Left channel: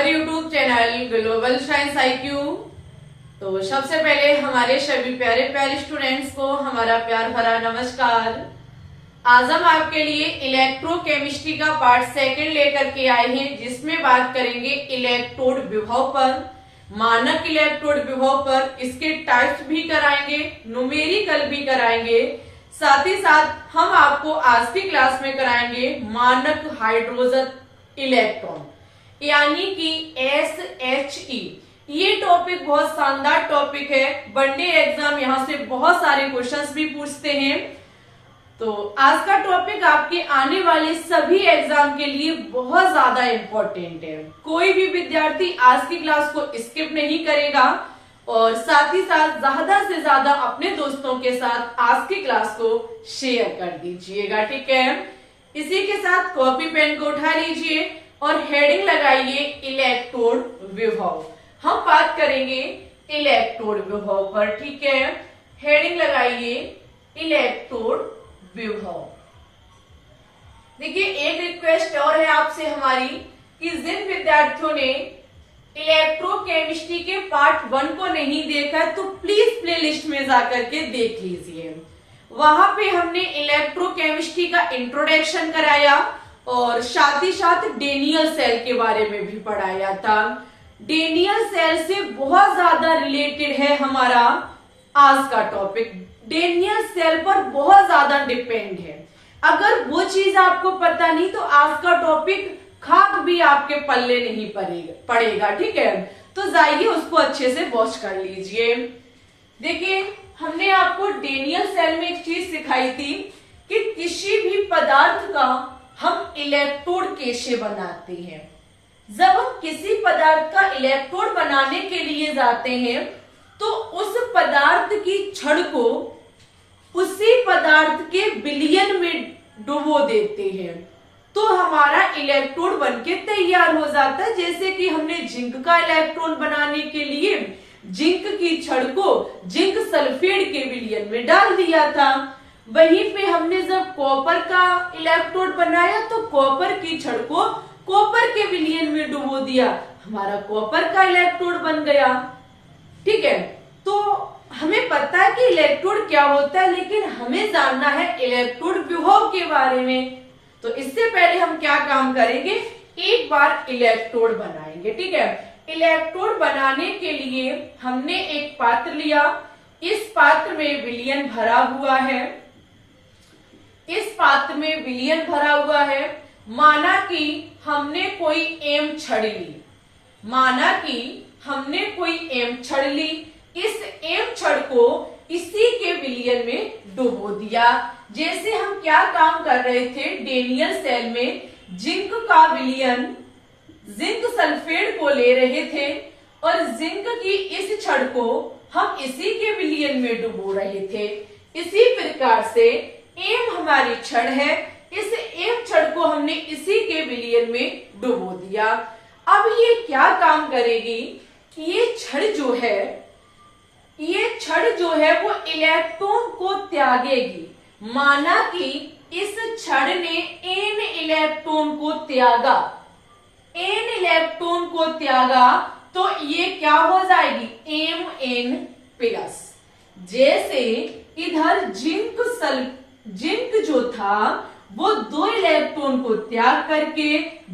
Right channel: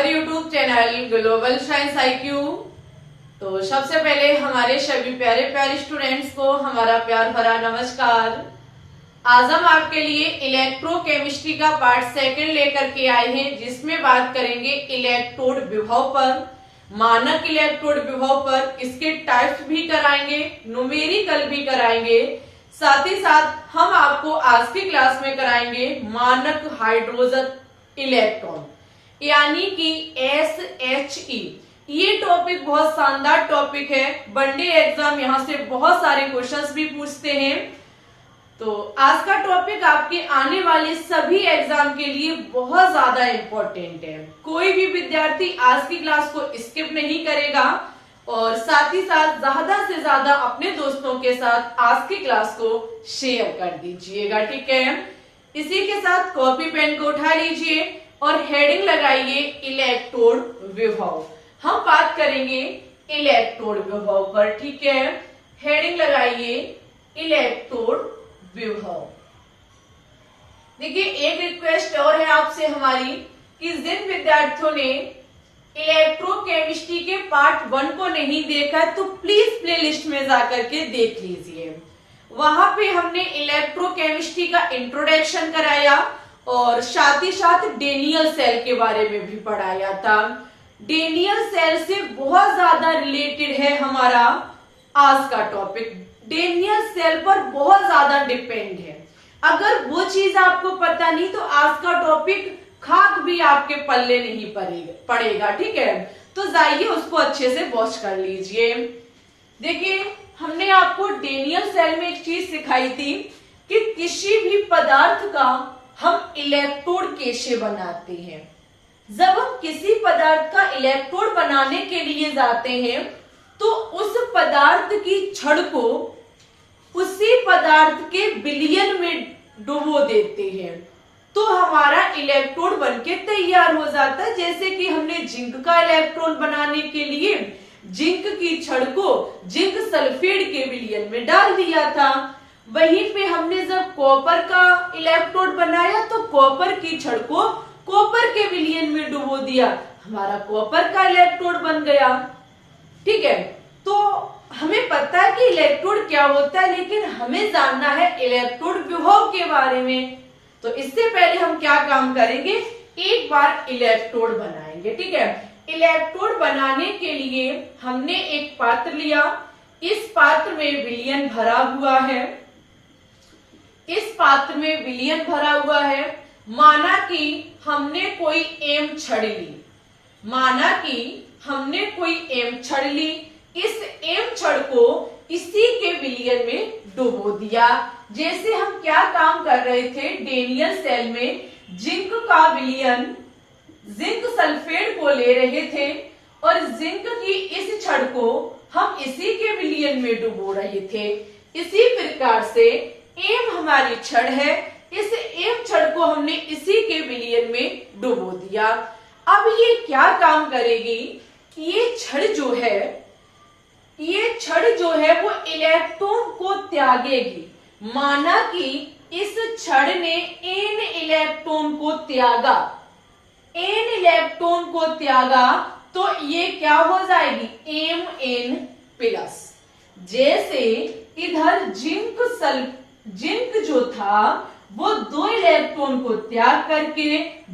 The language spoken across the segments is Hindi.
Our YouTube channel global science IQ। तो सबसे पहले हमारे सभी प्यारे प्यारे स्टूडेंट्स को हमारा प्यार भरा नमस्कार। आज हम आपके लिए इलेक्ट्रोकेमिस्ट्री का पार्ट सेकंड लेकर के आए हैं, जिसमें बात करेंगे इलेक्ट्रोड विभव पर, मानक इलेक्ट्रोड विभव पर। इसके टाइप्स भी कराएंगे, न्यूमेरिकल भी कराएंगे, साथ ही साथ हम आपको आज की क्लास में कराएंगे मानक हाइड्रोजन इलेक्ट्रॉन यानी कि SHE। ये टॉपिक बहुत शानदार टॉपिक है, वनडे एग्जाम यहाँ से बहुत सारे क्वेश्चंस भी पूछते हैं। तो आज का टॉपिक आपके आने वाले सभी एग्जाम के लिए बहुत ज्यादा इम्पोर्टेंट है। कोई भी विद्यार्थी आज की क्लास को स्किप नहीं करेगा और साथ ही साथ ज्यादा से ज्यादा अपने दोस्तों के साथ आज की क्लास को शेयर कर दीजिएगा, ठीक है। इसी के साथ कॉपी पेन को उठा लीजिए और हेडिंग लगाइए इलेक्ट्रोड विभव। हम बात करेंगे इलेक्ट्रोड विभव पर, ठीक है। हेडिंग लगाइए इलेक्ट्रोड विभव। देखिए, एक रिक्वेस्ट और है आपसे हमारी कि जिन विद्यार्थियों ने इलेक्ट्रोकेमिस्ट्री के पार्ट 1 को नहीं देखा तो प्लीज प्लेलिस्ट में जाकर के देख लीजिए। वहां पे हमने इलेक्ट्रोकेमिस्ट्री का इंट्रोडक्शन कराया और साथ ही साथ डेनियल सेल के बारे में भी पढ़ाया था। डेनियल सेल से बहुत ज्यादा रिलेटेड है हमारा आज का टॉपिक। डेनियल सेल पर बहुत ज्यादा डिपेंड है। अगर वो चीज आपको पता नहीं तो आज का टॉपिक खाक भी आपके पल्ले नहीं पड़ेगा, ठीक है। तो जाइए उसको अच्छे से वॉच कर लीजिए। देखिए, हमने आपको डेनियल सेल में एक चीज सिखाई थी कि किसी भी पदार्थ का हम इलेक्ट्रोड कैसे बनाते हैं। जब हम किसी पदार्थ का इलेक्ट्रोड बनाने के लिए जाते हैं तो उस पदार्थ की छड़ को उसी पदार्थ के विलयन में डुबो देते हैं तो हमारा इलेक्ट्रोड बनके तैयार हो जाता है। जैसे कि हमने जिंक का इलेक्ट्रोड बनाने के लिए जिंक की छड़ को जिंक सल्फेट के विलयन में डाल दिया था। वहीं पे हमने जब कॉपर का इलेक्ट्रोड बनाया तो कॉपर की छड़ को कॉपर के विलयन में डुबो दिया, हमारा कॉपर का इलेक्ट्रोड बन गया, ठीक है। तो हमें पता है कि इलेक्ट्रोड क्या होता है, लेकिन हमें जानना है इलेक्ट्रोड विभव के बारे में। तो इससे पहले हम क्या काम करेंगे, एक बार इलेक्ट्रोड बनाएंगे, ठीक है। इलेक्ट्रोड बनाने के लिए हमने एक पात्र लिया, इस पात्र में विलयन भरा हुआ है, इस पात्र में विलयन भरा हुआ है। माना कि हमने कोई एम छड़ ली, माना कि हमने कोई एम छड़ ली, इस एम छड़ को इसी के विलयन में डुबो दिया। जैसे हम क्या काम कर रहे थे, डेनियल सेल में जिंक का विलयन जिंक सल्फेट को ले रहे थे और जिंक की इस छड़ को हम इसी के विलयन में डुबो रहे थे। इसी प्रकार से एम हमारी छड़ है, इस एम छड़ को हमने इसी के विलयन में डुबो दिया। अब ये क्या काम करेगी, ये छड़ जो है वो इलेक्ट्रॉन को त्यागेगी। माना कि इस छड़ ने n इलेक्ट्रॉन को त्यागा, n इलेक्ट्रॉन को त्यागा तो ये क्या हो जाएगी, Mn प्लस। जैसे इधर जिंक जो था वो 2 इलेक्ट्रॉन को त्याग करके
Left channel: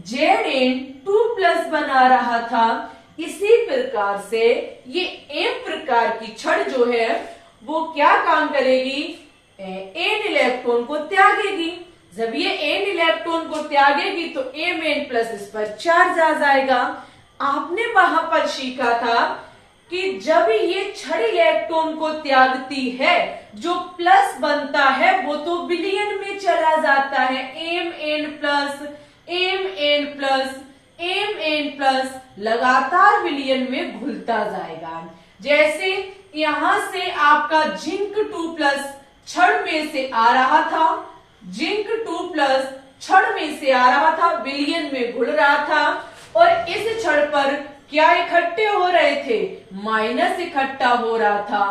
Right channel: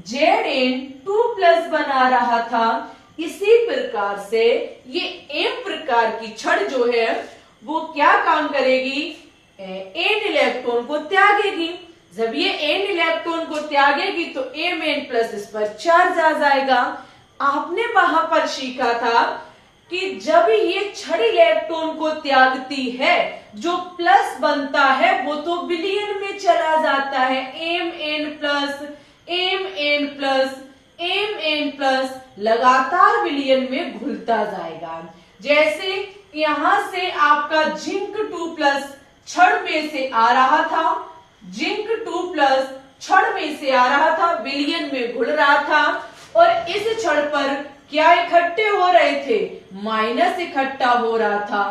Zn2+ बना रहा था। इसी प्रकार से ये M प्रकार की छड़ जो है वो क्या काम करेगी, n इलेक्ट्रॉन को त्यागेगी। जब ये n इलेक्ट्रॉन को त्यागेगी तो Mn+ इस पर चार्ज आ जाएगा। आपने वहां पर सीखा था कि जब ये छड़ इलेक्ट्रॉन को त्यागती है, जो प्लस बनता है वो तो विलयन में चला जाता है, Mn+ लगातार विलयन में घुलता जाएगा। जैसे यहां से आपका जिंक 2+ छड़ में से आ रहा था, जिंक 2+ छड़ में से आ रहा था, विलयन में घुल रहा था और इस छड़ पर क्या इकट्ठे हो रहे थे, माइनस इकट्ठा हो रहा था।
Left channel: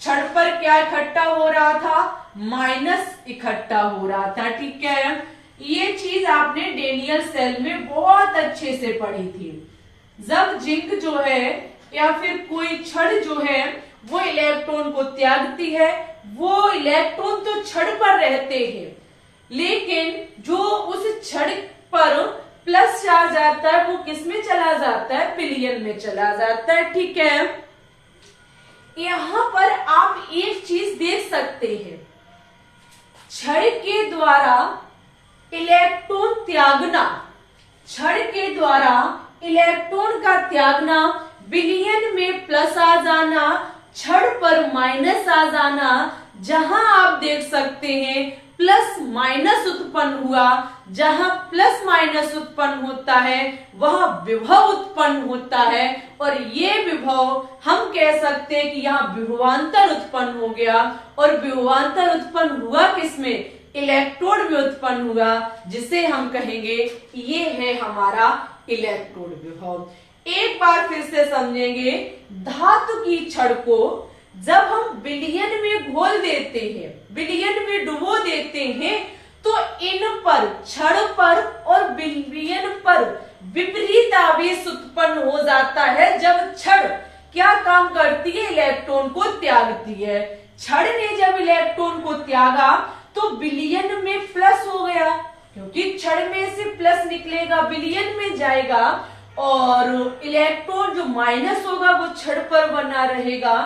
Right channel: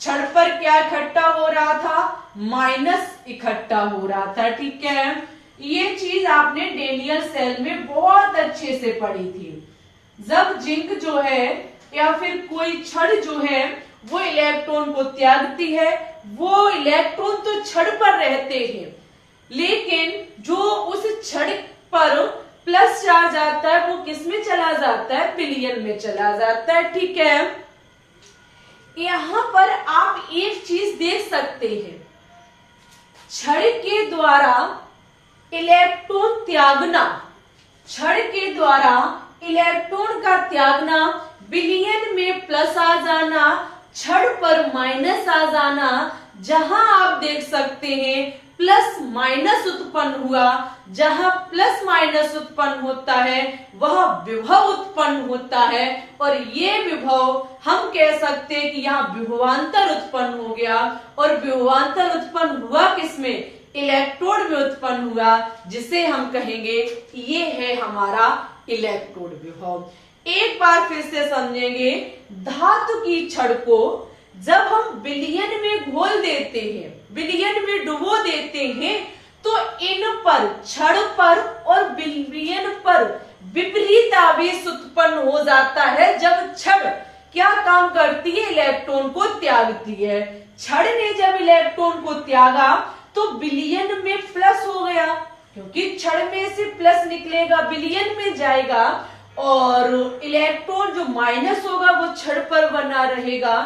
छड़ पर क्या इकट्ठा हो रहा था, माइनस इकट्ठा हो रहा था, ठीक है। ये चीज आपने डेनियल सेल में बहुत अच्छे से पढ़ी थी। जब जिंक जो है या फिर कोई छड़ जो है वो इलेक्ट्रॉन को त्यागती है, वो इलेक्ट्रॉन तो छड़ पर रहते हैं, लेकिन जो उस छड़ पर प्लस चार्ज आता है वो किस में चला जाता है, विलयन में चला जाता है। ठीक है, यहां पर आप एक चीज देख सकते हैं, छड़ के द्वारा इलेक्ट्रॉन त्यागना, छड़ के द्वारा इलेक्ट्रॉन का त्यागना, विलयन में प्लस आ जाना, छड़ पर माइनस आ जाना, जहां आप देख सकते हैं प्लस माइनस उत्पन्न हुआ, जहां प्लस माइनस उत्पन्न होता है वह विभव उत्पन्न होता है, और ये विभव हम कह सकते हैं कि यहाँ विभवांतर उत्पन्न हो गया, और विभवांतर उत्पन्न हुआ किसमें, इलेक्ट्रोड में उत्पन्न हुआ, जिसे हम कहेंगे ये है हमारा इलेक्ट्रोड विभव। एक बार फिर से समझेंगे, धातु की छड़ को जब हम विलयन में घोल देते हैं, विलयन में डुबो देते हैं, तो इन पर, छड़ पर और विलयन पर विपरीत आवेश उत्पन्न हो जाता है। जब छड़ क्या काम करती है, इलेक्ट्रॉन को त्यागती है। छड़ ने जब इलेक्ट्रॉन को त्यागा तो विलयन में प्लस हो गया, क्योंकि छड़ में से प्लस निकलेगा, विलयन में जाएगा, और इलेक्ट्रॉन जो माइनस होगा वो छड़ पर बना रहेगा।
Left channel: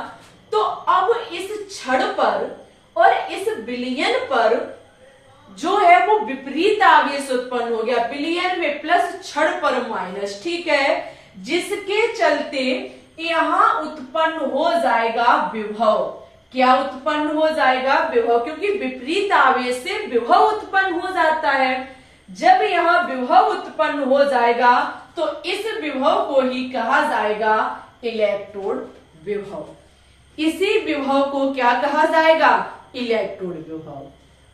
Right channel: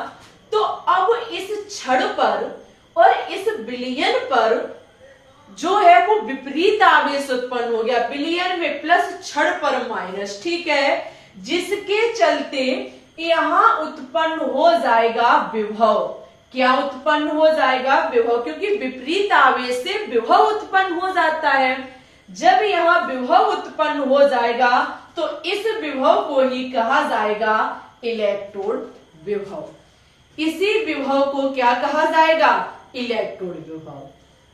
तो अब इस छड़ पर और इस विलयन पर जो है वो विपरीत आवेश उत्पन्न हो गया, विलयन में प्लस छड़ पर माइनस। ठीक है, जिसके चलते यहां उत्पन्न हो जाएगा विभव। क्या उत्पन्न हो जाएगा, विभव, क्योंकि विपरीत आवेश से विभव उत्पन्न हो जाता है। जब यहाँ विभव उत्पन्न हो जाएगा तो इस विभव को ही कहा जाएगा इलेक्ट्रोड विभव। इसी विभव को क्या कहा जाएगा, इलेक्ट्रोड विभव।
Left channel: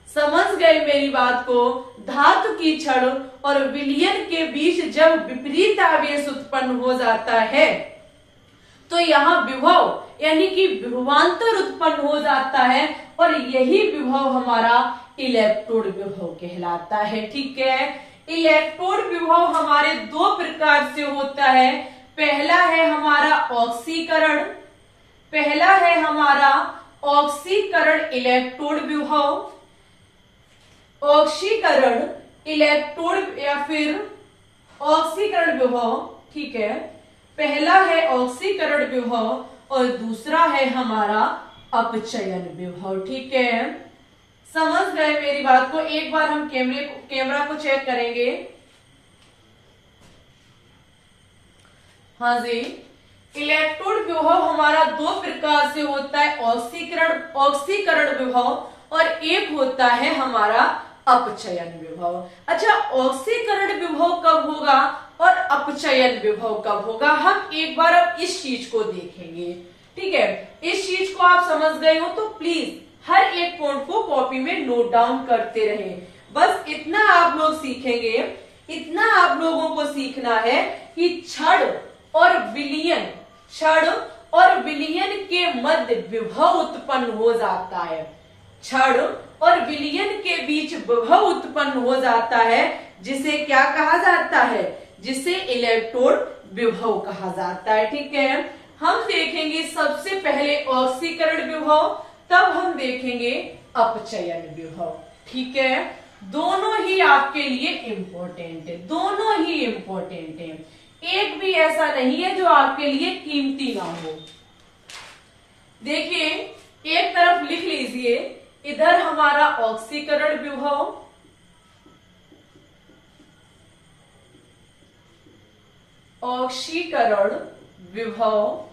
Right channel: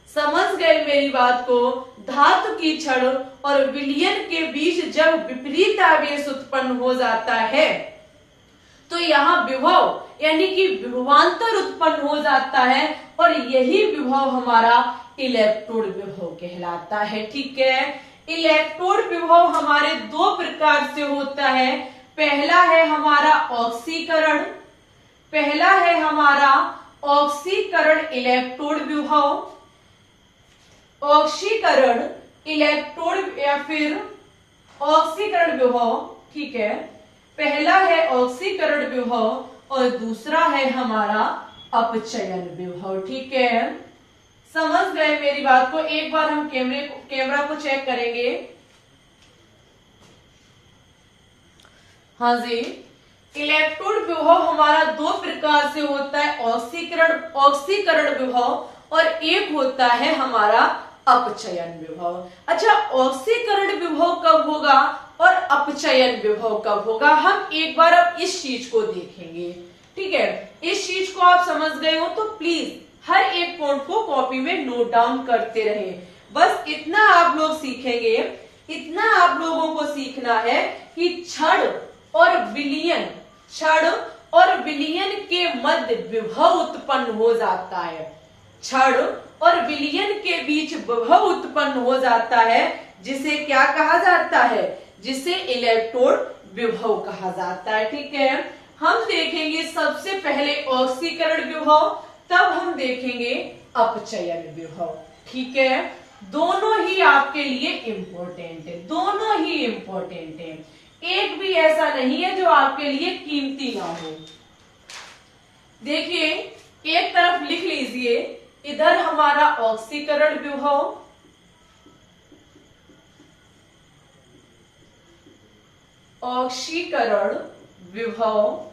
समझ गए मेरी बात को। धातु की छड़ और विलयन के बीच जब विपरीत आवेश उत्पन्न हो जाता है तो यहाँ विभव यानी कि विभवांतर उत्पन्न हो जाता है, और यही विभव हमारा इलेक्ट्रोड विभव कहलाता है। ठीक है, इलेक्ट्रोड विभव हमारे दो प्रकार से होता है। पहला है हमारा ऑक्सीकरण, पहला है हमारा ऑक्सीकरण इलेक्ट्रोड विभव, ऑक्सीकरण इलेक्ट्रोड या फिर ऑक्सीकरण विभव। ठीक है, पहला है ऑक्सीकरण विभव और दूसरा है हमारा अपचयन विभव। ठीक है, समझ गए मेरी बात को। एक बार हम कैमरा को चेक करेंगे। हाँ जी, इलेक्ट्रोड विभव हमारा दो प्रकार से होता है, ऑक्सीकरण विभव और एक होता है हमारा अपचयन विभव। अच्छा, ऑक्सीकरण विभव कब होगा और अपचयन विभव कब होगा, हम एक बार अब इस चीज को देखेंगे। ठीक है, इस चीज को आप समझ गए हो तो प्लीज हर एक पॉइंट को कॉपी में नोट डाउन करते रहे। बस इतना आप लोग सीखेंगे, इतना आप लोगों को सीखना है कि छड़ और विलयन, छड़ और विलयन के मध्य विभव उत्पन्न हो जाता है, छड़ और विलयन के बीच विभव उत्पन्न हो जाता है, जिसे क्या कहा जाता है, जिसे इलेक्ट्रोड विभव कहा जाता है। ठीक है, हम देखेंगे सबसे पहले ऑक्सीकरण विभव, तब हम देखेंगे अपचयन विभव। ठीक है, दोनों ही आपके लिए इंपॉर्टेंट है, दोनों ही इंपॉर्टेंट है, एक भी ऐसा नहीं है जो आपके लिए कीमती ना हो। देखिए, एक तरफ लिख लीजिए, इधर हमारा ऑक्सीकरण विभव, ऑक्सीकरण विभव,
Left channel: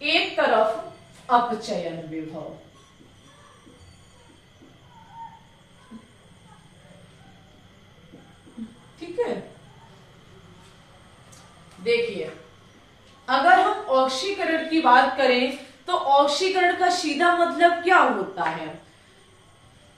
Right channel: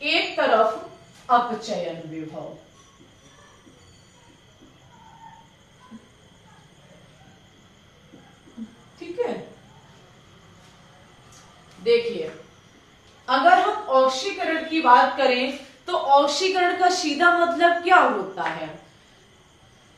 एक तरफ अपचयन विभव। ठीक है, देखिए, अगर हम ऑक्सीकरण की बात करें तो ऑक्सीकरण का सीधा मतलब क्या होता है,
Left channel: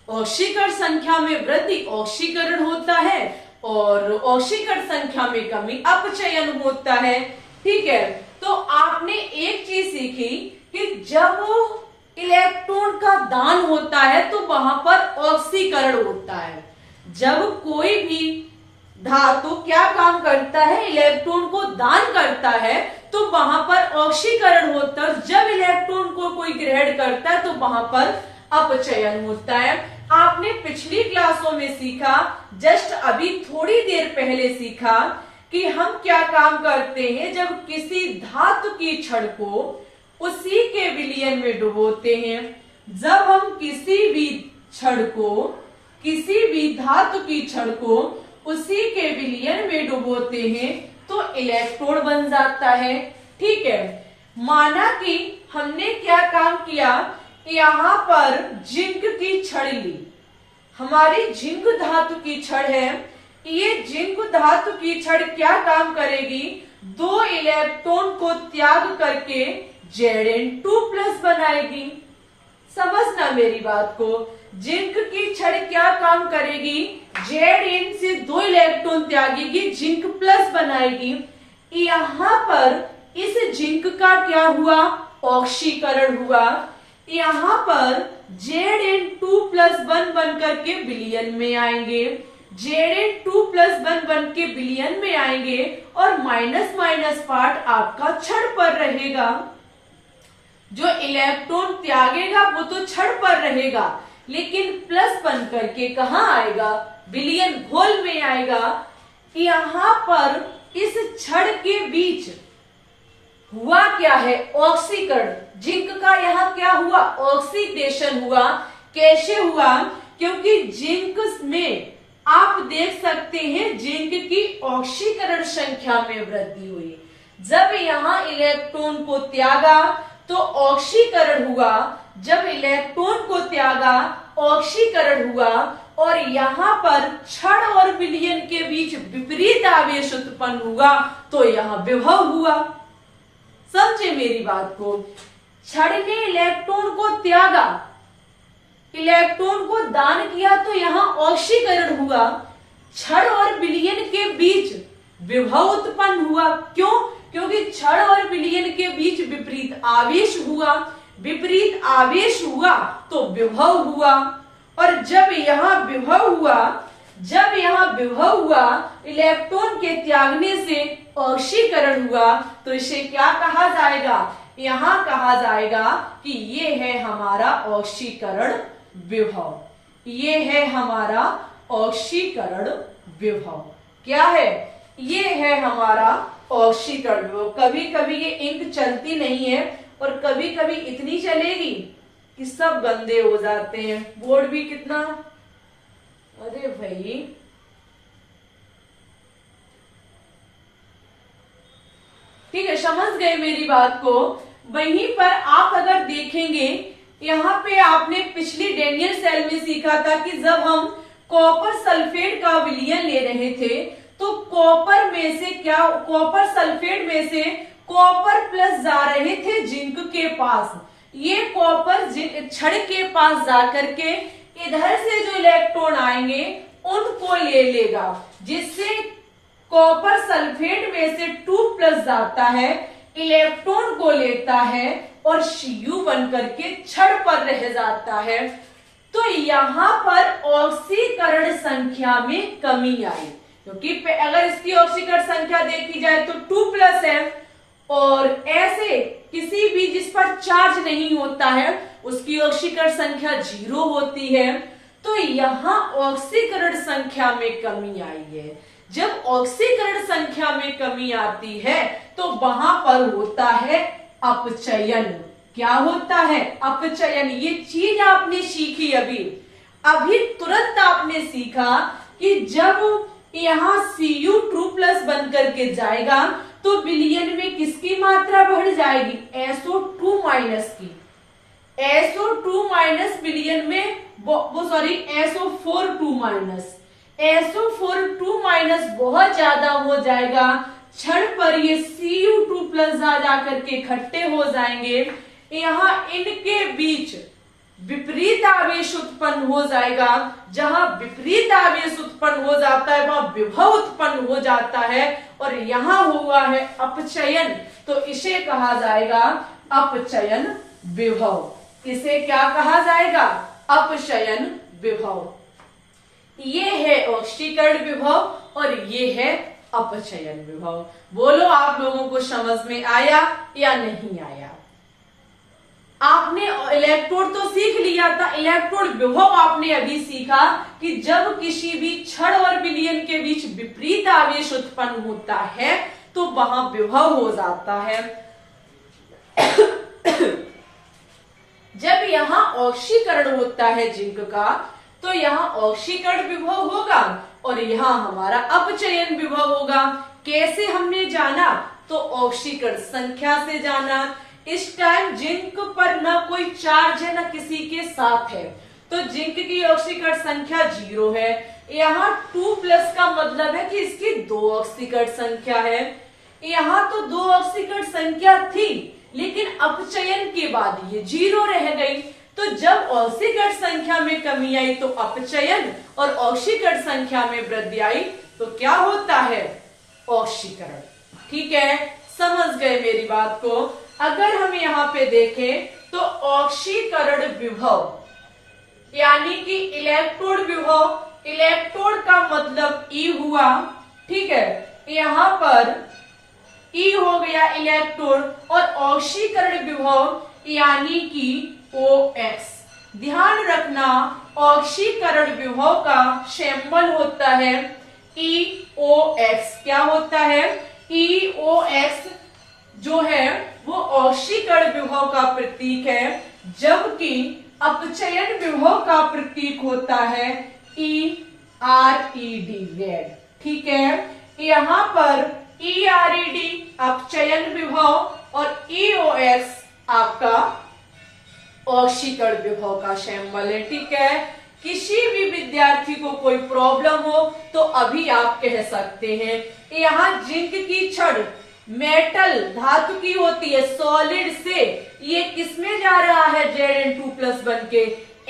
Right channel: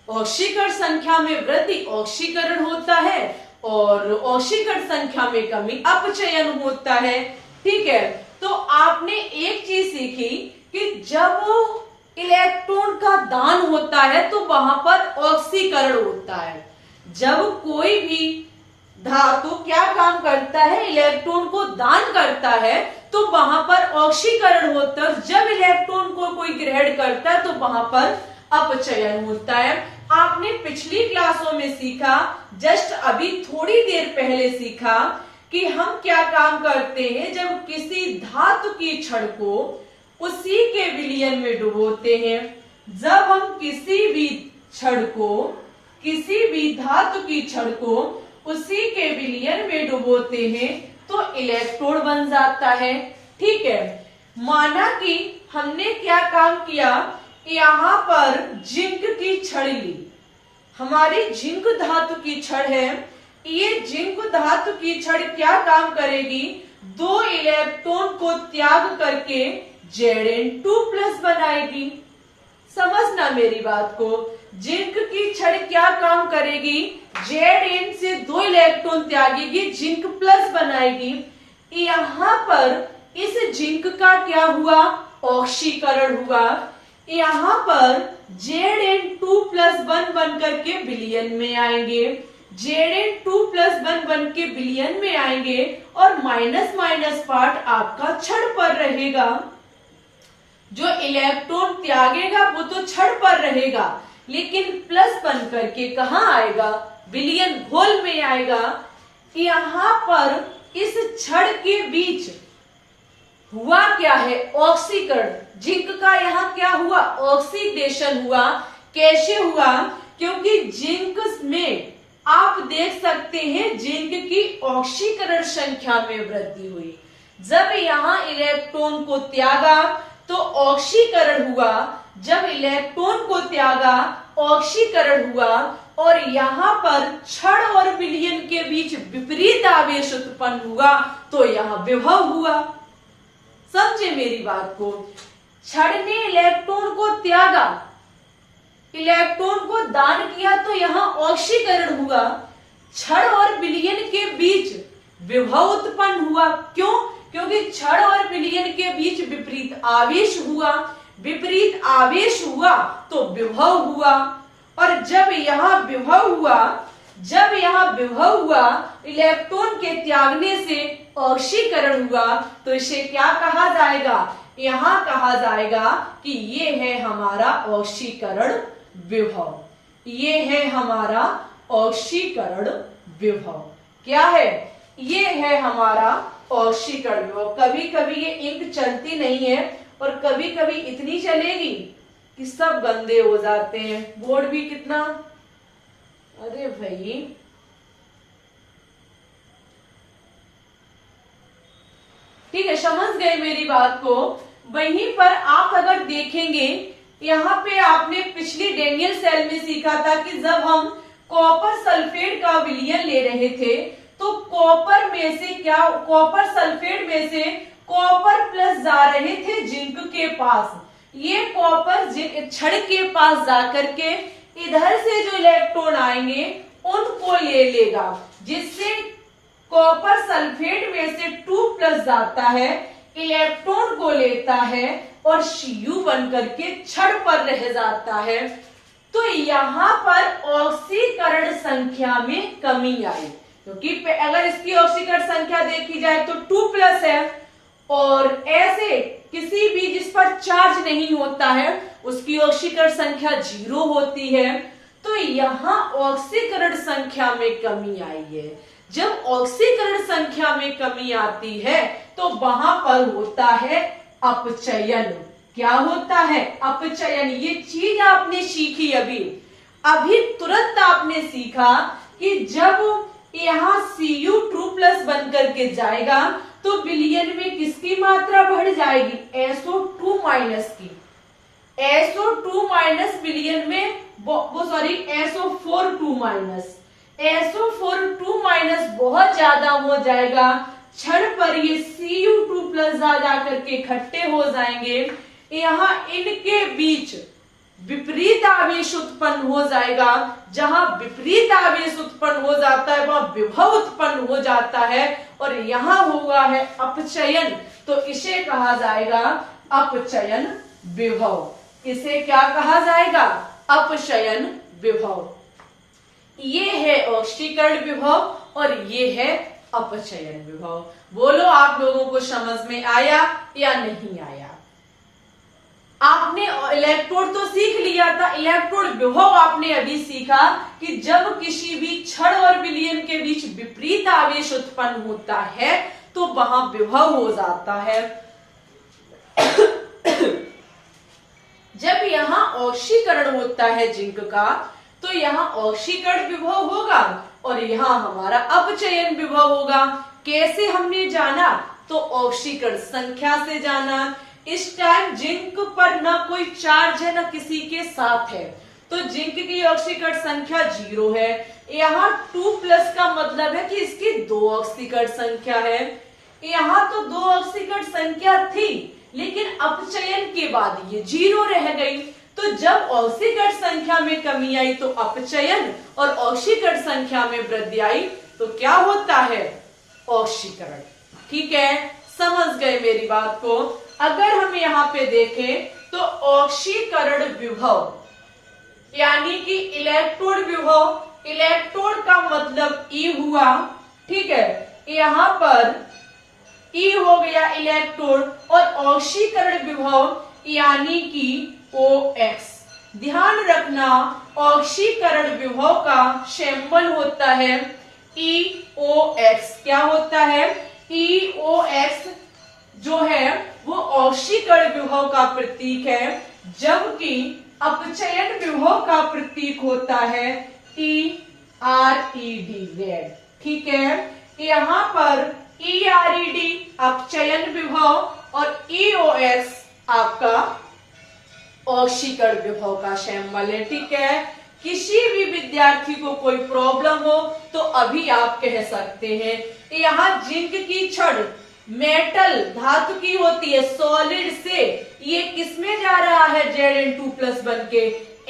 ऑक्सीकरण संख्या में वृद्धि ऑक्सीकरण होता है और ऑक्सीकरण संख्या में कमी अपचयन होता है। ठीक है, तो आपने एक चीज सीखी कि जब इलेक्ट्रॉन का दान होता है तो वहां पर ऑक्सीकरण होता है। जब कोई भी धातु क्या काम करता है, इलेक्ट्रॉन को दान करता है, तो वहां पर ऑक्सीकरण होता है। जब इलेक्ट्रॉन को कोई ग्रहण करता है तो वहां पर अपचयन होता है। आपने पिछली क्लासों में सीखा, जस्ट अभी थोड़ी देर पहले सीखा कि हम क्या काम करते हैं जब किसी धातु की छड़ को उसी के विलयन में डुबोते हैं। जब हम किसी भी छड़ को, किसी भी धातु की छड़ को उसी के विलयन में डुबोते हैं तो इलेक्ट्रोड बन जाता है। ठीक है, माना कि हमने क्या काम किया, यहां पर जिंक की छड़ ली, हमारी जिंक धातु की छड़ है। ये जिंक धातु की छड़ क्या काम करेगी, 2 इलेक्ट्रॉन को त्याग करके Zn2+ बनाएगी। समझना मेरी बात को, जिंक की छड़ क्या काम करेगी, Zn से 2 इलेक्ट्रॉन त्यागेगी, जिंक प्लस बनाएगी। यहां पर इस जिंक का क्या हुआ, ऑक्सीकरण हुआ। यहां पर Zn2+1 बन करके विलयन में आएंगे, Zn2+1 बन के विलयन में आएंगे और माइनस माइनस पार्ट आपका छड़ पर रहेगा। जो इलेक्ट्रॉन त्यागेगा वो तो छड़ पर रहेगा, लेकिन प्लस बन करके कहाँ आएगा, विलयन घोल में आएगा। यहां पर इस छड़ के बीच हुआ क्या है, ऑक्सीकरण। जिंक का यहाँ क्या हुआ, ऑक्सीडेशन हुआ। कैसे हुआ, क्योंकि जिंक में आप देख सकते हैं जिंक की ऑक्सीकरण संख्या में वृद्धि हुई। जब यहाँ इलेक्ट्रॉन को त्यागा तो ऑक्सीकरण हुआ, जब इलेक्ट्रॉन को त्यागा ऑक्सीकरण हुआ और यहाँ पर छड़ और विलयन के बीच विपरीत आवेश उत्पन्न हुआ तो यहाँ विभव हुआ। समझे मेरी बात को, छड़ ने इलेक्ट्रॉन को त्यागा, इलेक्ट्रॉन को दान किया तो यहाँ ऑक्सीकरण हुआ, छड़ और विलयन के बीच विभव उत्पन्न हुआ। क्यों, क्योंकि छड़ और विलयन के बीच विपरीत आवेश हुआ, विपरीत आवेश हुआ तो विभव हुआ। और जब यहाँ विभव हुआ, जब यहाँ विभव हुआ, इलेक्ट्रॉन के त्यागने से ऑक्सीकरण हुआ, तो इसे क्या कहा जाएगा, यहाँ कहा जाएगा कि ये है हमारा ऑक्सीकरण विभव, ये है हमारा ऑक्सीकरण विभव। क्या है, ये है हमारा ऑक्सीकरण विभव। कभी कभी ये इंक चलती नहीं है और कभी कभी इतनी चलेगी कि सब गंदे हो जाते हैं। बोर्ड भी कितना, अरे भाई ठीक है, समझ गए मेरी बात को। वहीं पर आप अगर देखेंगे, यहाँ पे आपने पिछली डेनियल सेल में सीखा था कि जब हम कॉपर सल्फेट का विलयन ले रहे थे तो कॉपर में से क्या, कॉपर सल्फेट में से कॉपर प्लस जा रहे थे जिंक के पास। ये कॉपर छड़ के पास जाकर के इधर से जो इलेक्ट्रॉन आएंगे उनको ले लेगा, जिससे कॉपर सल्फेट में से 2+ जाता है, इलेक्ट्रॉन को लेता है और Cu बन करके छड़ पर रह जाता है। तो यहाँ पर ऑक्सीकरण संख्या में कमी आई, क्योंकि अगर इसकी ऑक्सीकरण संख्या देखी जाए तो 2+ है, और ऐसे किसी भी जिस पर चार्ज नहीं होता है उसकी ऑक्सीकरण संख्या 0 होती है। तो यहाँ ऑक्सीकरण संख्या में कमी आई है। जब ऑक्सीकरण संख्या में कमी आती है तो वहां पर होता है अपचयन। क्या होता है, अपचयन। ये चीज आपने सीखी अभी तुरंत आपने सीखा कि जब यहाँ Cu2+ बन करके जाएगा तो विलयन में किसकी मात्रा बढ़ जाएगी, SO2- की। SO2- विलयन में SO4 बहुत ज्यादा हो जाएगा, क्षण पर ये Cu2+ जा करके इकट्ठे हो जाएंगे। यहाँ इनके बीच विपरीत आवेश उत्पन्न हो जाएगा। जहां विपरीत आवेश उत्पन्न हो जाता है वहां विभव उत्पन्न हो जाता है, और यहां हुआ है अपचयन, तो इसे कहा जाएगा अपचयन विभव। इसे क्या कहा जाएगा, अपचयन विभव। ये है ऑक्सीकरण विभव और ये है अपचयन विभव। बोलो आप लोगों को समझ में आया या नहीं आया? आपने इलेक्ट्रोड तो सीख लिया था, इलेक्ट्रोड विभव आपने अभी सीखा कि जब किसी भी क्षण और विलयन के बीच विपरीत आवेश उत्पन्न होता है तो वहां विभव हो जाता है। जब यहाँ ऑक्सीकरण होता है जिंक का तो यहाँ ऑक्सीकरण विभव होगा और यहाँ हमारा अपचयन विभव होगा। कैसे हमने जाना? तो ऑक्सीकरण संख्या से जाना। इस टाइम जिंक पर ना कोई चार्ज है ना किसी के साथ है, तो जिंक की ऑक्सीकरण संख्या 0 है। यहाँ 2+ का मतलब है कि इसकी 2 ऑक्सीकरण संख्या है। यहाँ तो 2 ऑक्सीकरण संख्या थी, लेकिन अपचयन के बाद ये 0 रह गई। तो जब ऑक्सीकरण संख्या में कमी आई तो अपचयन, और ऑक्सीकरण संख्या में वृद्धि आई तो क्या होता है? ऑक्सीकरण। ठीक है, समझ गए मेरी बात को? अगर हम यहाँ पे देखें तो ऑक्सीकरण विभव यानी कि इलेक्ट्रोड विभव, इलेक्ट्रोड का मतलब ई हुआ, ठीक है, यहाँ पर ई हो गया इलेक्ट्रोड, और ऑक्सीकरण विभव यानी कि OX। ध्यान रखना ऑक्सीकरण विभव का सिंबल होता है EOX। क्या होता है? EOX जो है वो ऑक्सीकरण विभव का प्रतीक है, जबकि अपचयन विभव का प्रतीक होता है ERED, रेड। ठीक है, यहाँ पर ERED अपचयन विभव और EOX आपका ऑक्सीकरण विभव का सिंबल है। ठीक है, किसी भी विद्यार्थी को कोई प्रॉब्लम हो तो अभी आप कह सकते हैं। यहाँ जिंक की छड़ मेटल धातु की होती है, सॉलिड से ये किस में जा रहा है? Zn2+ बन के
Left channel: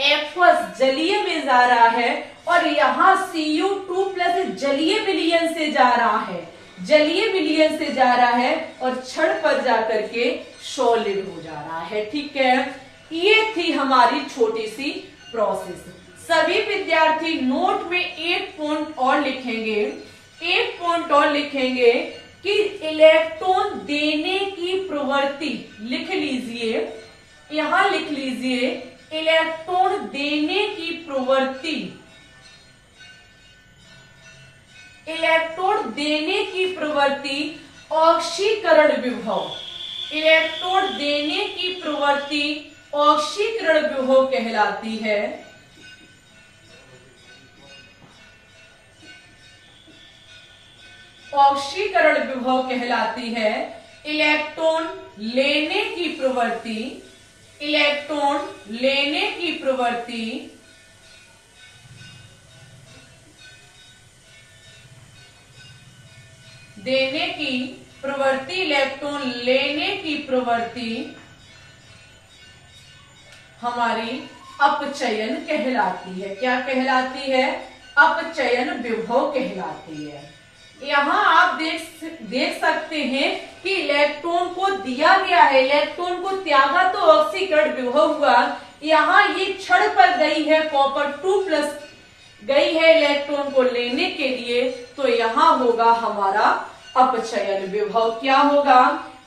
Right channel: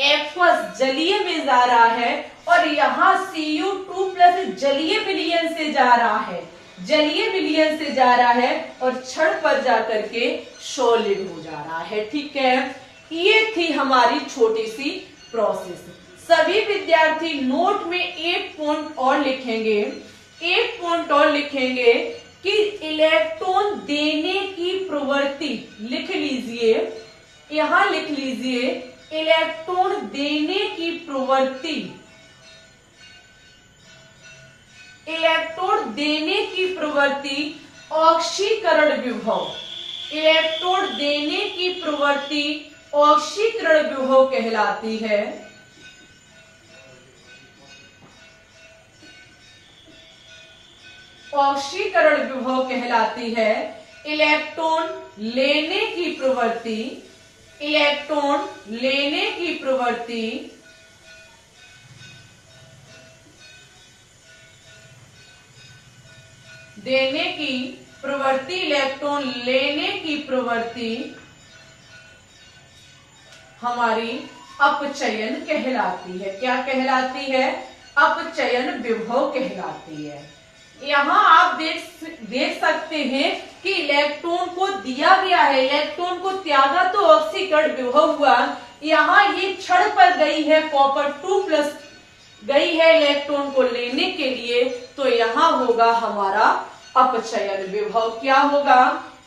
F जलीय में जा रहा है, और यहाँ Cu2+ जलीय विलयन से जा रहा है, जलीय विलयन से जा रहा है और क्षण पर जाकर के सॉलिड हो जा रहा है। ठीक है, ये थी हमारी छोटी सी प्रोसेस। सभी विद्यार्थी नोट में एक पॉइंट और लिखेंगे, एक पॉइंट और लिखेंगे कि इलेक्ट्रॉन देने की प्रवृत्ति, लिख लीजिए, यहां लिख लीजिए, इलेक्ट्रॉन देने की प्रवृत्ति, इलेक्ट्रॉन देने की प्रवृत्ति ऑक्सीकरण विभव, इलेक्ट्रॉन देने की प्रवृत्ति ऑक्सीकरण विभव कहलाती है। ऑक्सीकरण विभव कहलाती है। इलेक्ट्रॉन लेने की प्रवृत्ति, इलेक्ट्रॉन लेने की प्रवृत्ति देने की प्रवृत्ति, इलेक्ट्रॉन लेने की प्रवृत्ति हमारी अपचयन कहलाती है। क्या कहलाती है? अपचयन विभव कहलाती है। यहाँ आप देख सकते हैं कि इलेक्ट्रॉन को दिया गया है, इलेक्ट्रॉन को त्यागा तो ऑक्सीकरण विभव हुआ। यहाँ ये क्षण पर गई है, कॉपर 2+ गई है इलेक्ट्रॉन को लेने के लिए, तो यहाँ होगा हमारा अपचयन विभव। क्या होगा?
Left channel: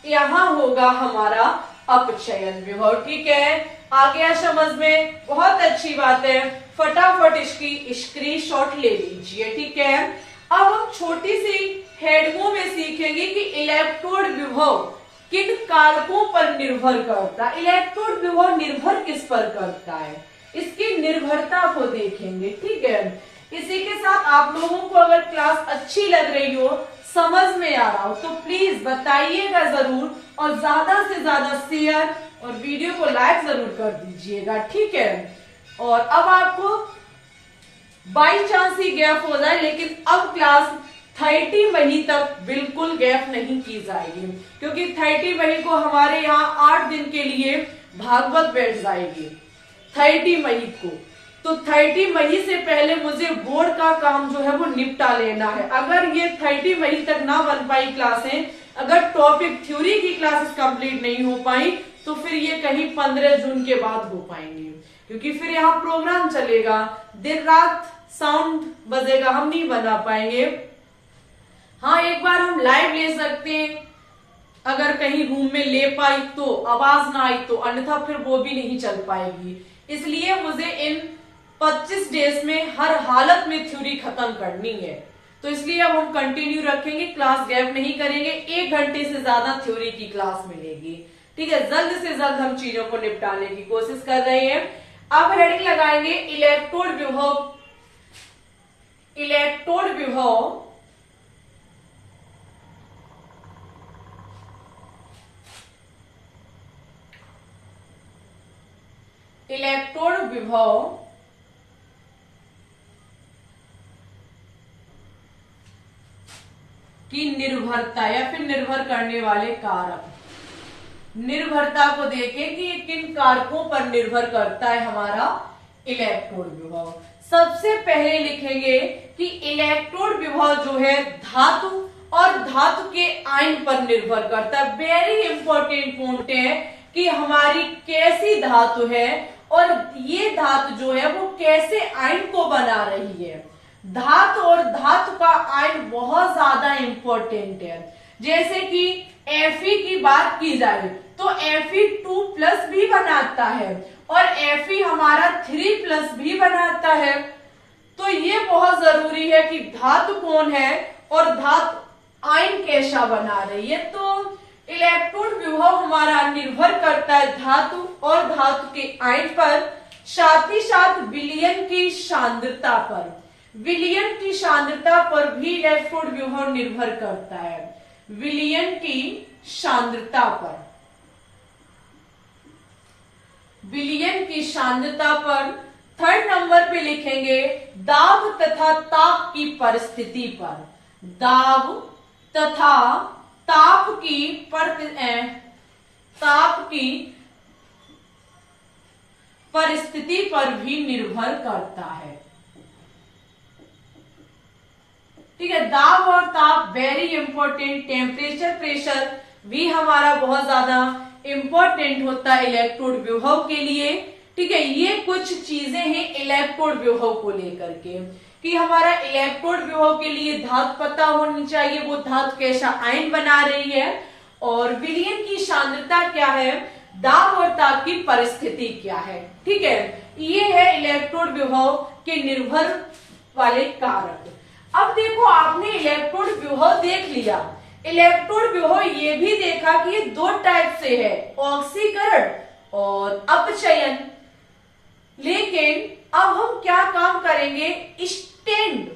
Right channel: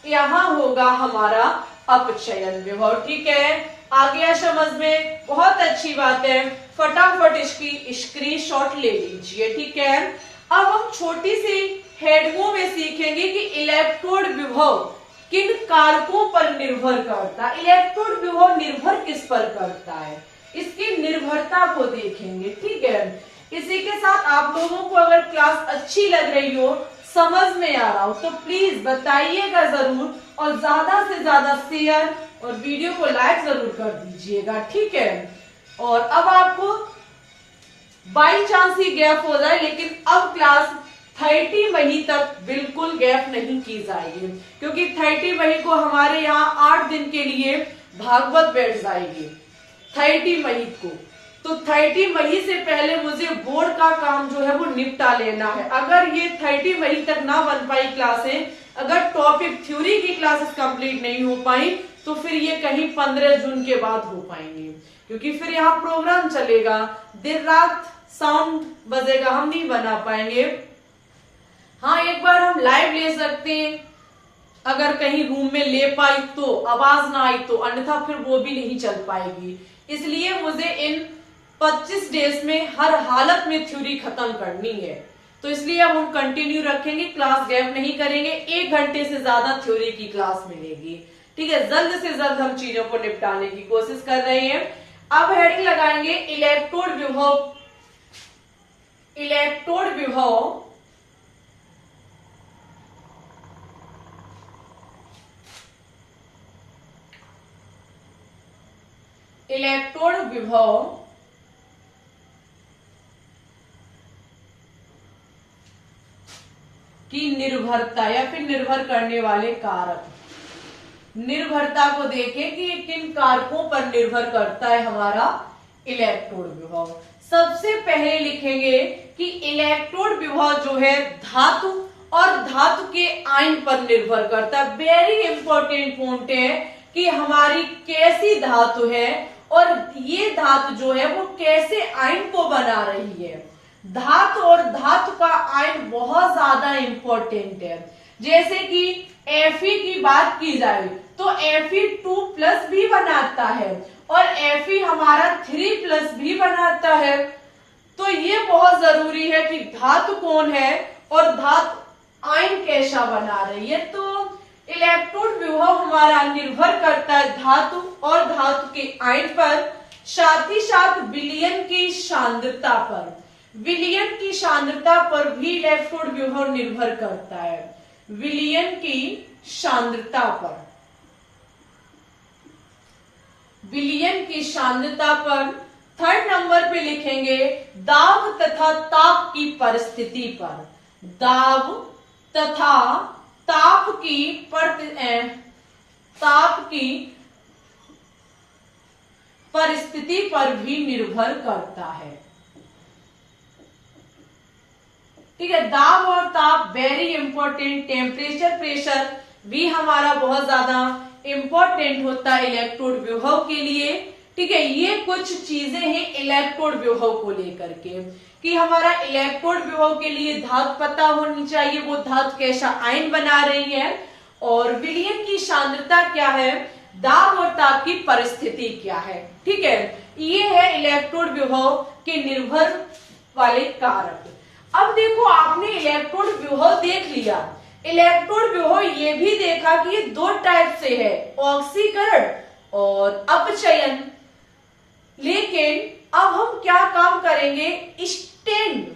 यहाँ होगा हमारा अपचयन विभव। ठीक है, आ गया समझ में? बहुत अच्छी बात है, फटाफट इसकी स्क्रीनशॉट ले लीजिए। ठीक है, अब हम छोटी सी हेडिंगों में सीखेंगे कि इलेक्ट्रोड विभव किन कारकों पर निर्भर करता है। इलेक्ट्रोड विभव निर्भर किस पर करता है, इसकी निर्भरता को देखेंगे। ठीक है, इसी के साथ आप लोगों को अगर क्लास अच्छी लग रही हो, समझ में आ रहा हो, तो प्लीज बताइएगा जरूर, और ज्यादा से ज्यादा शेयर और वीडियो को लाइक जरूर कर दीजिएगा। ठीक है, और अब आपको बाई चांस ही गैप हो जाए, लेकिन अब क्लास 30 मई तक बिल्कुल गैप नहीं की जाएगी, क्योंकि 30 मई को हमारे यहाँ 8 दिन के लिए भागवत बैठ जाएगी 30 मई को। तो 30 मई से पहले मुझे बोर्ड का काम जो है वो निपटा लेना है। अगर ये 30 मई तक ना बन पाई क्लासें, अगर टॉपिक थ्योरी की क्लासेस कंप्लीट नहीं हो पाई, तो फिर ये कहीं 15 जून के बाद हो पाएंगे, क्योंकि फिर यहाँ प्रोग्राम चलेगा, दिन रात साउंड बजेगा, हम नहीं बना पाएंगे। हाँ, एक बार हम लाइव ले सकते हैं, अगर कहीं रूम में ले पाई तो, आवाज ना आई तो, अन्यथा फिर वो भी नहीं चल पाएगी। इसलिए मुझे इन 25 डेज में हर हालत में थ्योरी खत्म करनी है, तो इसलिए अब हम कंटिन्यू रखेंगे, क्लास गैप नहीं करेंगे। 1 घंटे से ज्यादा थ्योरी की क्लास मिलेगी, ठीक है। जल्द से जल्द हम चीजों को निपटाने की कोशिश कर रहे हैं। अब हेडिंग लगाएंगे इलेक्ट्रोड विभव। इलेक्ट्रोड विभव इलेक्ट्रोड विभव की निर्भरता या फिर निर्भर करने वाले कारक। निर्भरता को देखें कि किन कारकों पर निर्भर करता है हमारा इलेक्ट्रोड विभव। सबसे पहले लिखेंगे कि इलेक्ट्रोड विभव जो है धातु और धातु के आयन पर निर्भर करता है। वेरी इंपॉर्टेंट पॉइंट है कि हमारी कैसी धातु है और ये धातु जो है वो कैसे आयन को बना रही है। धातु और धातु का आयन बहुत ज्यादा इंपॉर्टेंट है। जैसे कि Fe की बात की जाए तो Fe 2+ भी बनाता है और Fe हमारा 3+ भी बनाता है। तो ये बहुत जरूरी है कि धातु कौन है और धातु आयन कैसा बना रही है। तो इलेक्ट्रोड विभव हमारा निर्भर करता है धातु और धातु के आयन पर, साथ ही साथ विलयन की सांद्रता पर। विलयन की सांद्रता पर भी इलेक्ट्रोड विभव निर्भर करता है, विलयन की सांद्रता पर। विलयन की सांद्रता पर 3rd नंबर पे लिखेंगे दाब तथा ताप की परिस्थिति पर। दाब तथा ताप की परिस्थिति पर भी निर्भर करता है, ठीक है। दाब और ताप वेरी इंपॉर्टेंट। टेम्परेचर, प्रेशर भी हमारा बहुत ज्यादा इंपॉर्टेंट होता है इलेक्ट्रोड विभव के लिए, ठीक है। ये कुछ चीजें हैं इलेक्ट्रोड विभव को लेकर के कि हमारा इलेक्ट्रोड विभव के लिए धातु पता होनी चाहिए, वो धातु कैसा आयन बना रही है, और विलयन की सांद्रता क्या है, दाब और ताप की परिस्थिति क्या है, ठीक है। ये है इलेक्ट्रोड विभव के निर्भर वाले कारक। अब देखो, आपने इलेक्ट्रोड विभव देख लिया। इलेक्ट्रोड विभव ये भी देखा कि ये 2 टाइप से है, ऑक्सीकरण और अपचयन। लेकिन अब हम क्या काम करेंगे, स्टैंड,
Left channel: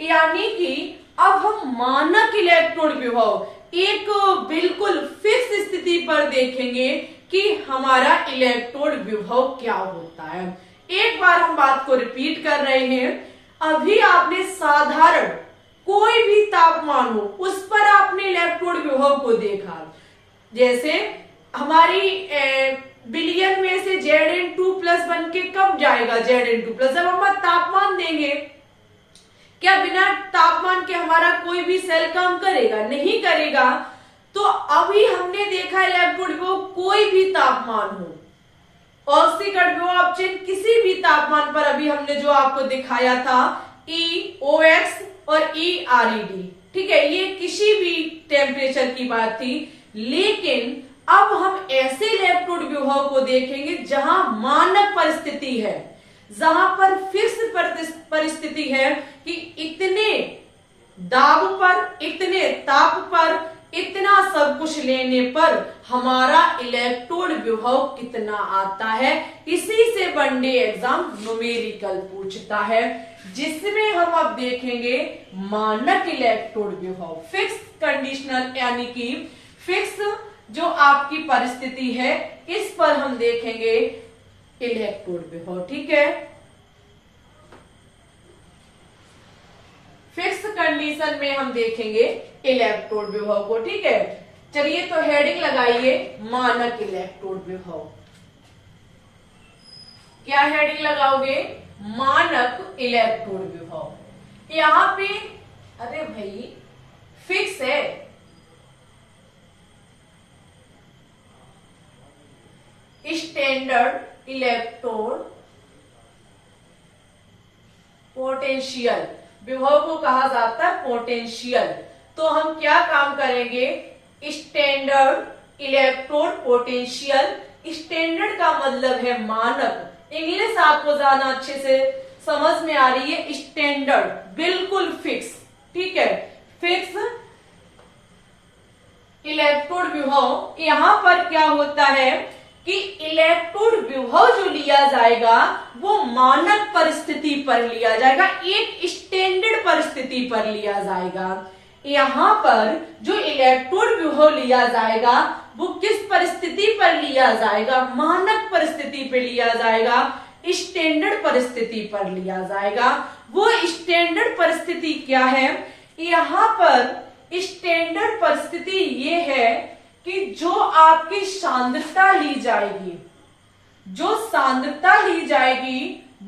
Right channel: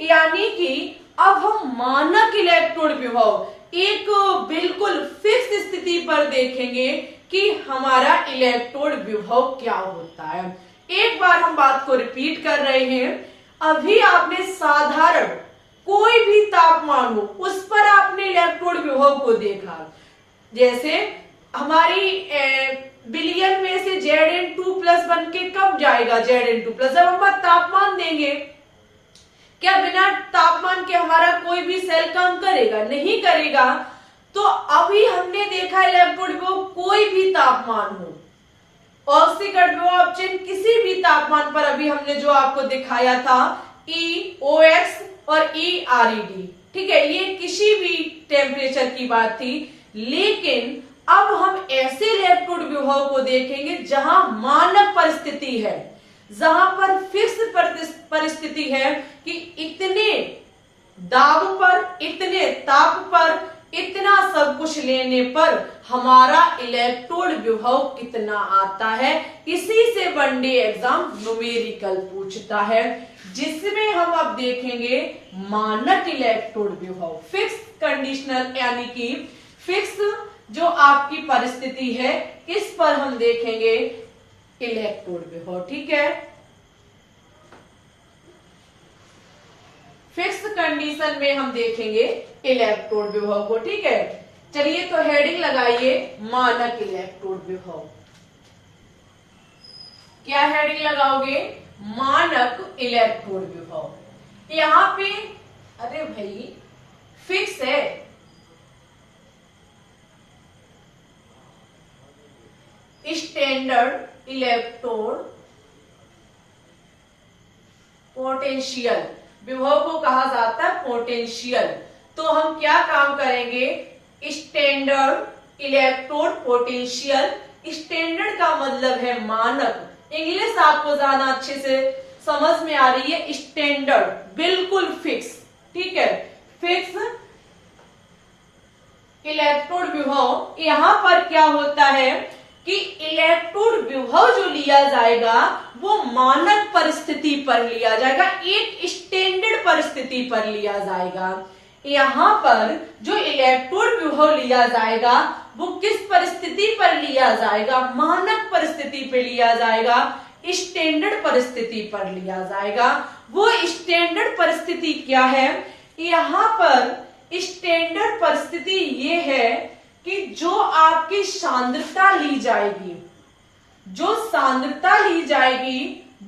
यानी कि अब हम मानक इलेक्ट्रोड विभव एक बिल्कुल फिक्स स्थिति पर देखेंगे कि हमारा इलेक्ट्रोड विभव क्या होता है। एक बार हम बात को रिपीट कर रहे हैं। अभी आपने साधारण कोई भी तापमान हो उस पर आपने इलेक्ट्रोड विभव को देखा। जैसे हमारी विलयन में से Zn2+ बन के कब जाएगा, Zn2+, जब हम तापमान देंगे। क्या बिना तापमान के हमारा कोई भी सेल काम करेगा, नहीं करेगा। तो अभी हमने देखा इलेक्ट्रोड विभव कोई भी तापमान हो, ऑक्सीकरण विभव अपचयन किसी भी तापमान पर, अभी हमने जो आपको दिखाया था EOX और ERED, ठीक है, ये किसी भी टेम्परेचर की बात थी। लेकिन अब हम ऐसे इलेक्ट्रोड विभव को देखेंगे जहां मानक परिस्थिति है, जहां पर फिक्स परिस्थिति है कि इतने दाब पर, इतने ताप पर, इतना सब कुछ लेने पर हमारा इलेक्ट्रोड विभव कितना आता है। इसी से वनडे एग्जाम न्यूमेरिकल पूछता है, जिसमें हम अब देखेंगे मानक इलेक्ट्रोड विभव, फिक्स कंडीशनल, यानी कि फिक्स जो आपकी परिस्थिति है, इस पर हम देखेंगे इलेक्ट्रोड विभव, ठीक है। फिक्स कंडीशन में हम देखेंगे इलेक्ट्रोड विभव को, ठीक है। चलिए तो हेडिंग लगाइए मानक इलेक्ट्रोड विभव। क्या हेडिंग लगाओगे, मानक इलेक्ट्रोड विभव। यहां पे अरे भाई फिक्स है, स्टैंडर्ड इलेक्ट्रोड पोटेंशियल, विभव को कहा जाता है पोटेंशियल। तो हम क्या काम करेंगे, स्टैंडर्ड इलेक्ट्रोड पोटेंशियल। स्टैंडर्ड का मतलब है मानक, इंग्लिश आपको ज्यादा अच्छे से समझ में आ रही है। स्टैंडर्ड बिल्कुल फिक्स, ठीक है, फिक्स इलेक्ट्रोड विभव। यहां पर क्या होता है कि इलेक्ट्रोड विभव जो लिया जाएगा वो मानक परिस्थिति पर लिया जाएगा, एक स्टैंडर्ड परिस्थिति पर लिया जाएगा। यहां पर जो इलेक्ट्रोड विभव लिया जाएगा वो किस परिस्थिति पर लिया जाएगा, मानक परिस्थिति पर लिया जाएगा, स्टैंडर्ड परिस्थिति पर लिया जाएगा। वो स्टैंडर्ड परिस्थिति क्या है, यहां पर स्टैंडर्ड परिस्थिति ये है कि जो आपकी सांद्रता ली जाएगी, जो सांद्रता ली जाएगी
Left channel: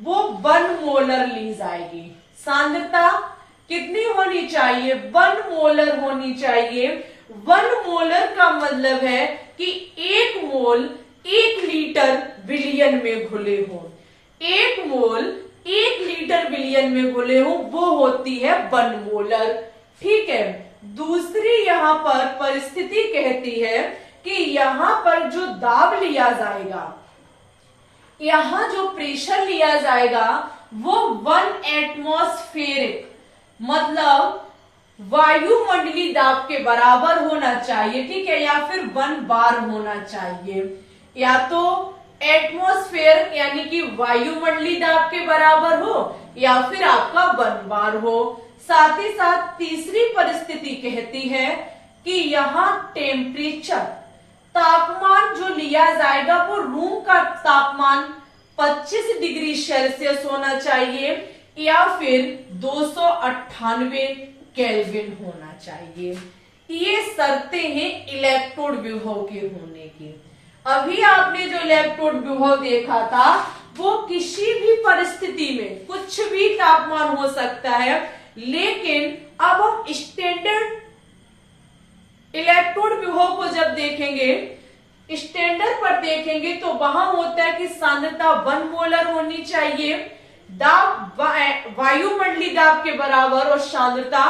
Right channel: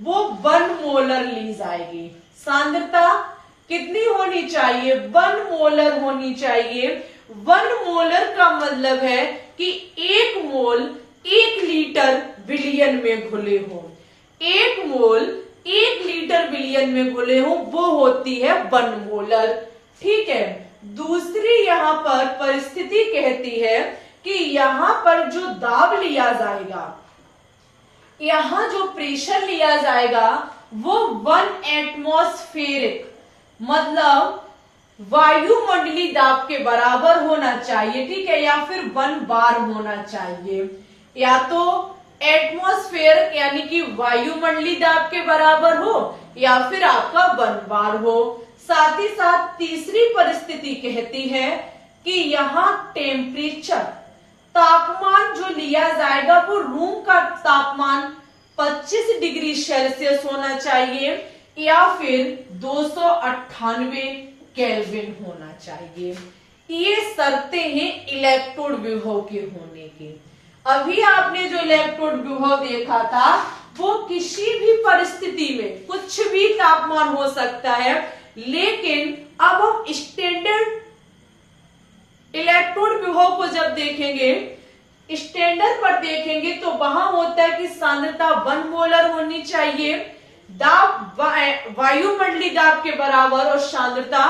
वो 1 मोलर ली जाएगी। सांद्रता कितनी होनी चाहिए, 1 मोलर होनी चाहिए। 1 मोलर का मतलब है कि 1 मोल 1 लीटर विलियन में घुले हो, 1 मोल 1 लीटर विलियन में घुले हो, वो होती है 1 मोलर, ठीक है। दूसरी यहां पर परिस्थिति कहती है कि यहां पर जो दाब लिया जाएगा, यहां जो प्रेशर लिया जाएगा वो 1 एटमॉस्फेरिक मतलब वायुमंडलीय दाब के बराबर होना चाहिए, ठीक है, या फिर 1 बार होना चाहिए। या तो एटमॉस्फेयर यानी कि वायुमंडलीय दाब के बराबर हो या फिर आपका 1 बार हो। साथ ही साथ तीसरी परिस्थिति कहती है कि यहाँ टेम्परेचर तापमान जो लिया जाएगा वो रूम का तापमान 25 डिग्री सेल्सियस होना चाहिए या फिर 298 केल्विन होना चाहिए। ये शर्तें हैं इलेक्ट्रोड विभव के होने की। अभी आपने जो इलेक्ट्रोड विभव देखा था वो किसी भी परिस्थिति में कुछ भी तापमान हो सकता है, लेकिन अब हम स्टैंडर्ड इलेक्ट्रोड विभव को जब देखेंगे, स्टैंडर्ड पर देखेंगे तो वहां होता है कि सांद्रता 1 मोलर होनी चाहिए, दाब वायुमंडलीय दाब के बराबर और सांद्रता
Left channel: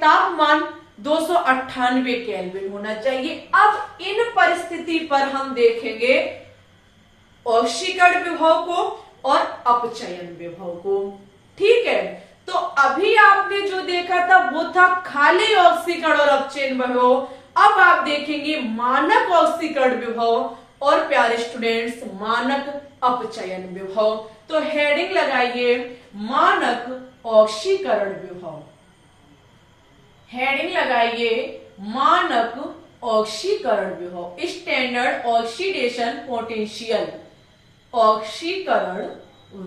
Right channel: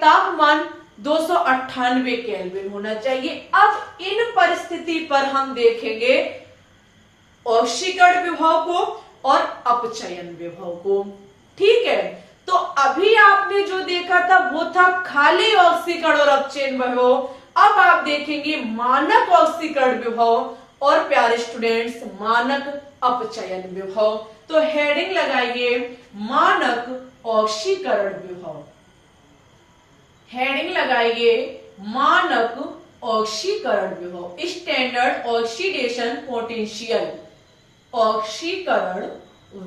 तापमान 298 केल्विन होना चाहिए। अब इन परिस्थिति पर हम देखेंगे ऑक्सीकरण विभव को और अपचयन विभव को, ठीक है। तो अभी आपने जो देखा था वो था खाली ऑक्सीकरण और अपचयन विभव। अब आप देखेंगे मानक ऑक्सीकरण विभव और प्यारे स्टूडेंट्स मानक अपचयन विभव। तो हेडिंग लगाइए मानक ऑक्सीकरण विभव, हेडिंग लगाइए मानक ऑक्सीकरण विभव, स्टैंडर्ड ऑक्सीडेशन पोटेंशियल, ऑक्सीकरण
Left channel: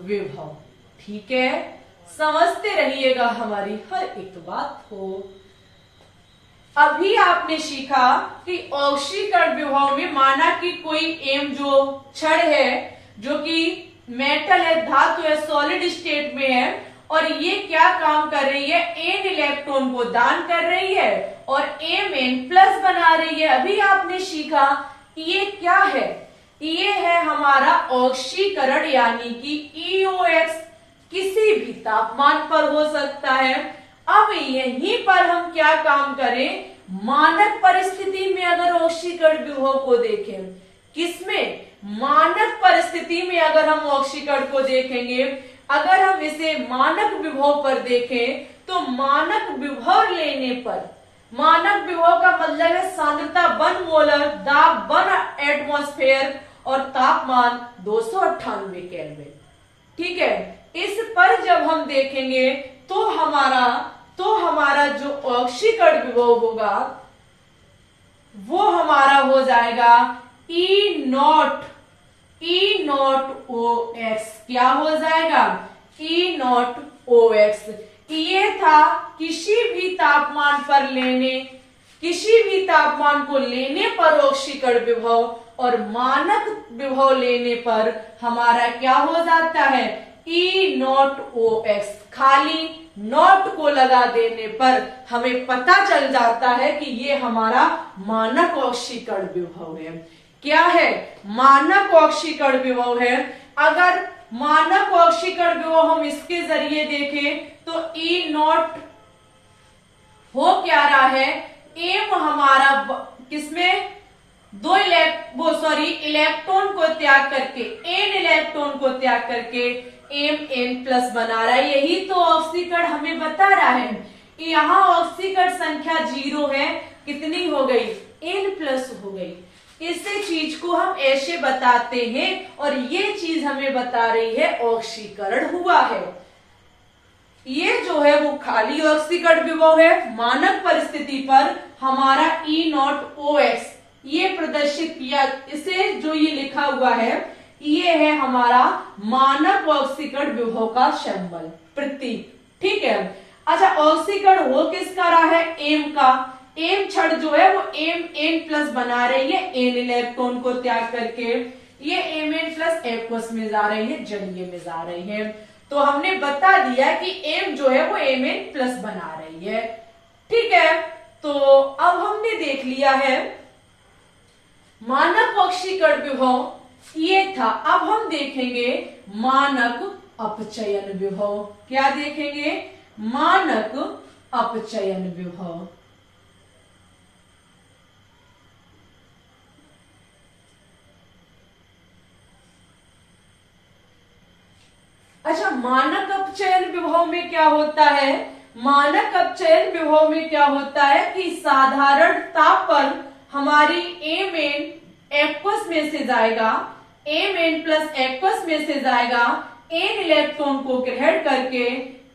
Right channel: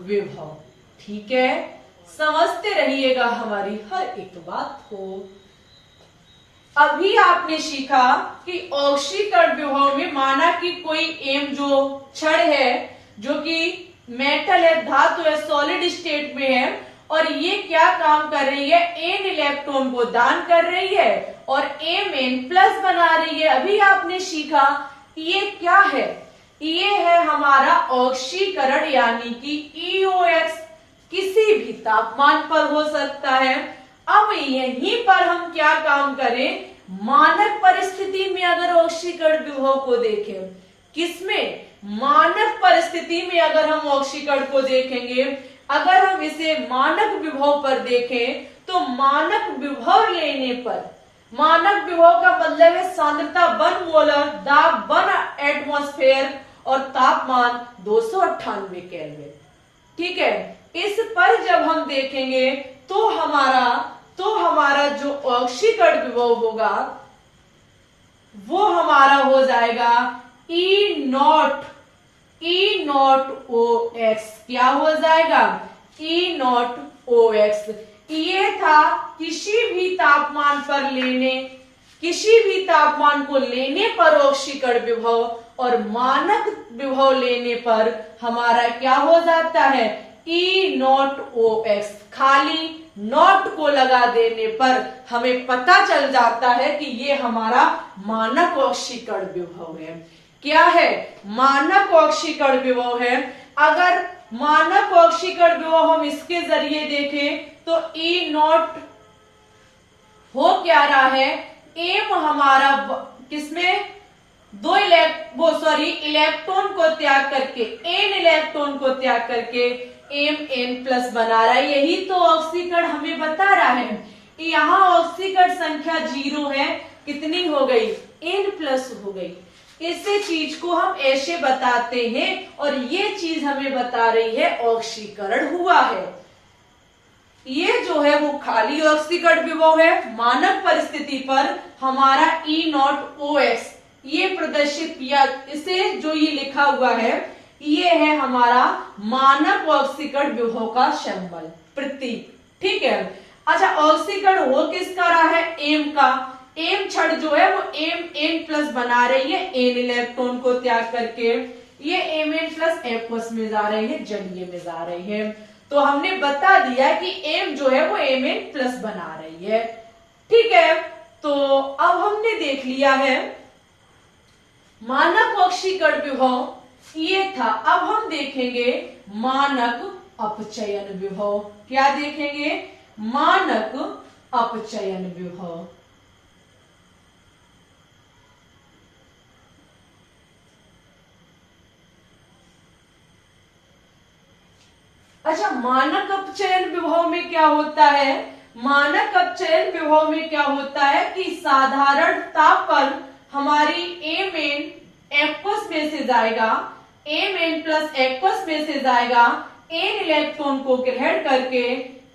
विभव, ठीक है। समझते रहिएगा हमारी हर एक बात को। अभी आपने सीखा कि ऑक्सीकरण विभव में माना कि कोई एम जो छड़ है जो कि मेटल है, धातु है, सॉलिड स्टेट में है और ये क्या काम कर रही है, एन इलेक्ट्रॉन को दान कर रही है और एम एन प्लस बना रही है। अभी आपने सीखा ये क्या है, ये है हमारा ऑक्सीकरण यानी कि EOX किसी भी तापमान पर हो सकता है। अब यहीं पर हम क्या काम करें, मानक परिस्थिति में अगर ऑक्सीकरण विभव को देखें, किसमें, मानक परिस्थिति में अगर हम ऑक्सीकरण को देखेंगे, अगर हम इसे मानक विभव पर देखें तो मानक विभव लेने पर, मानक विभव का मतलब है सांद्रता 1 मोलर, दाब 1 एटमॉस्फेयर और तापमान 298 केल्विन, ठीक है। इस पर जब हम देखेंगे तो हमारा जो ऑक्सीकरण विभव होगा वो हमारा हो जाएगा E नॉट OX, क्या हो जाएगा, E नॉट OX। ये था किसी भी तापमान को लेने पर ऑक्सीकरण विभव और मानक विभव लेने पर हमारा क्या हो जाता है, E नॉट OX। खाली नॉट को लगा देने पर हमें पता चल जाता है कि ये हमारा मानक ऑक्सीकरण विभव है। क्या है, मानक ऑक्सीकरण विभव है। अगर मानक ऑक्सीकरण विभव हम इसके जरिए देखें तो E0 हो क्या रहा है, एम हमारा किसमें इलेक्ट्रॉन को त्याग करके एन इलेक्ट्रॉन को त्याग करके एम एन प्लस बना रहा है। यही तो ऑक्सीकरण हमें बता रहा है। यहाँ ऑक्सीकरण संख्या 0 है, कितनी हो गई, एन प्लस हो गई। इस चीज को हम ऐसे बताते हैं और ये चीज हमें बता रही है ऑक्सीकरण हुआ है। ये जो है वो खाली ऑक्सीकरण विभव है। मानक परिस्थिति पर हमारा E0OX ये प्रदर्शित किया, इसे जो ये लिखा हुआ है ये है हमारा मानक ऑक्सीकरण विभव का सिंबल प्रतीक। ठीक है, अच्छा ऑक्सीकरण हो किसका रहा है, एम का। एम छड़ जो है वो एम एन प्लस बना रही है एन इलेक्ट्रॉन को त्याग करके, ये एम एन प्लस एक्वस में जा रही है, जलीय में जा रही है। तो हमने बता दिया कि एम जो है वो एम एन प्लस बना रही है। ठीक है, तो अब हमने देख लिया है मानक ऑक्सीकरण विभव ये था। अब हम देखेंगे मानक अपचयन विभव। क्या देखेंगे, मानक अपचयन विभव। अच्छा, मानक अपचयन विभव में क्या होता है, मानक अपचयन विभव में क्या होता है कि साधारण ताप पर हमारी एम एन एक्वस में से जाएगा, एम एन प्लस एक्वस में से जाएगा, एन इलेक्ट्रॉन को ग्रहण करके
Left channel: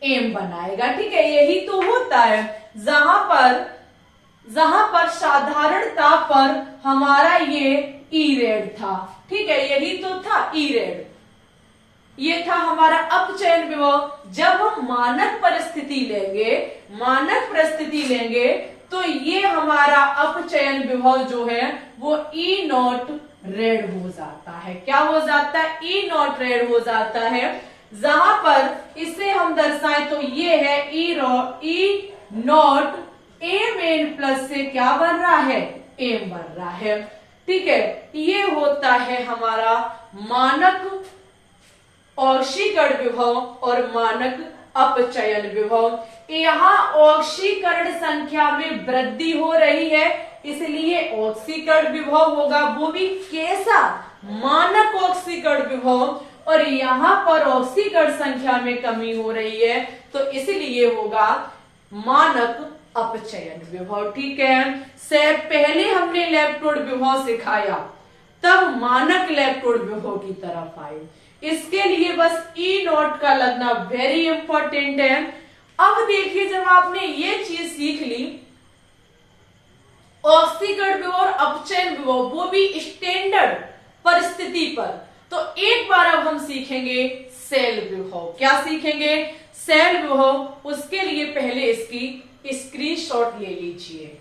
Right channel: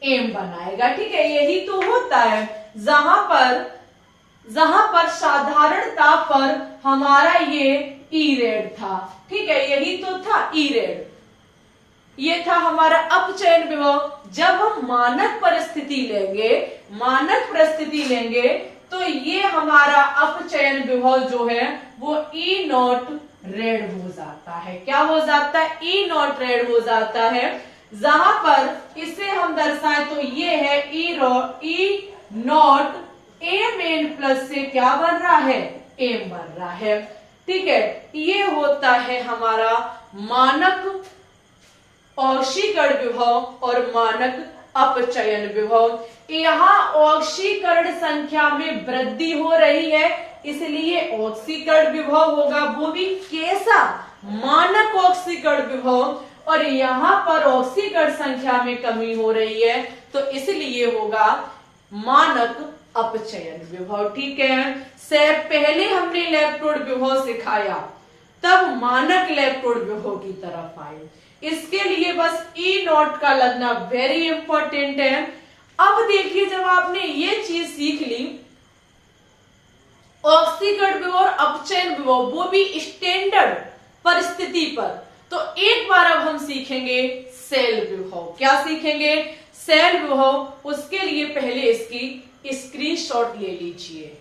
एम बनाएगा। ठीक है, यही तो होता है। जहां पर साधारण ताप पर हमारा ये ई रेड था। ठीक है, यही तो था ई रेड, ये था हमारा अपचयन विभव। जब हम मानक परिस्थिति लेंगे तो ये हमारा अपचयन विभव जो है वो E0 रेड हो जाता है। क्या हो जाता है, E0 रेड हो जाता है। जहां पर इसे हम दर्शाएं तो ये है E0 एम एन प्लस से क्या बन रहा है, एम बन रहा है। ठीक है, ये होता है हमारा मानक ऑक्सीकरण विभव और मानक अपचयन विभव। यहाँ ऑक्सीकरण संख्या में वृद्धि हो रही है, इसलिए ऑक्सीकरण विभव होगा, वो भी कैसा, मानक ऑक्सीकरण विभव। और यहाँ पर ऑक्सीकरण संख्या में कमी हो रही है तो इसलिए होगा मानक अपचयन विभव। ठीक है, से पहले हमने इलेक्ट्रोड विभव सिखाया, तब मानक इलेक्ट्रोड विभव की तरफ आए। इसके लिए बस E0 का लगना वेरी इंपॉर्टेंट है। अब देखिए, जब आपने ये चीज सीख ली, ऑक्सीकरण विभव और अपचयन विभव, वो भी स्टैंडर्ड परिस्थिति पर, तो एक बार अब हम सीखेंगे सेल विभव। क्या सीखेंगे, सेल विभव। उसके लिए पहले इसकी स्क्रीनशॉट ले लीजिए।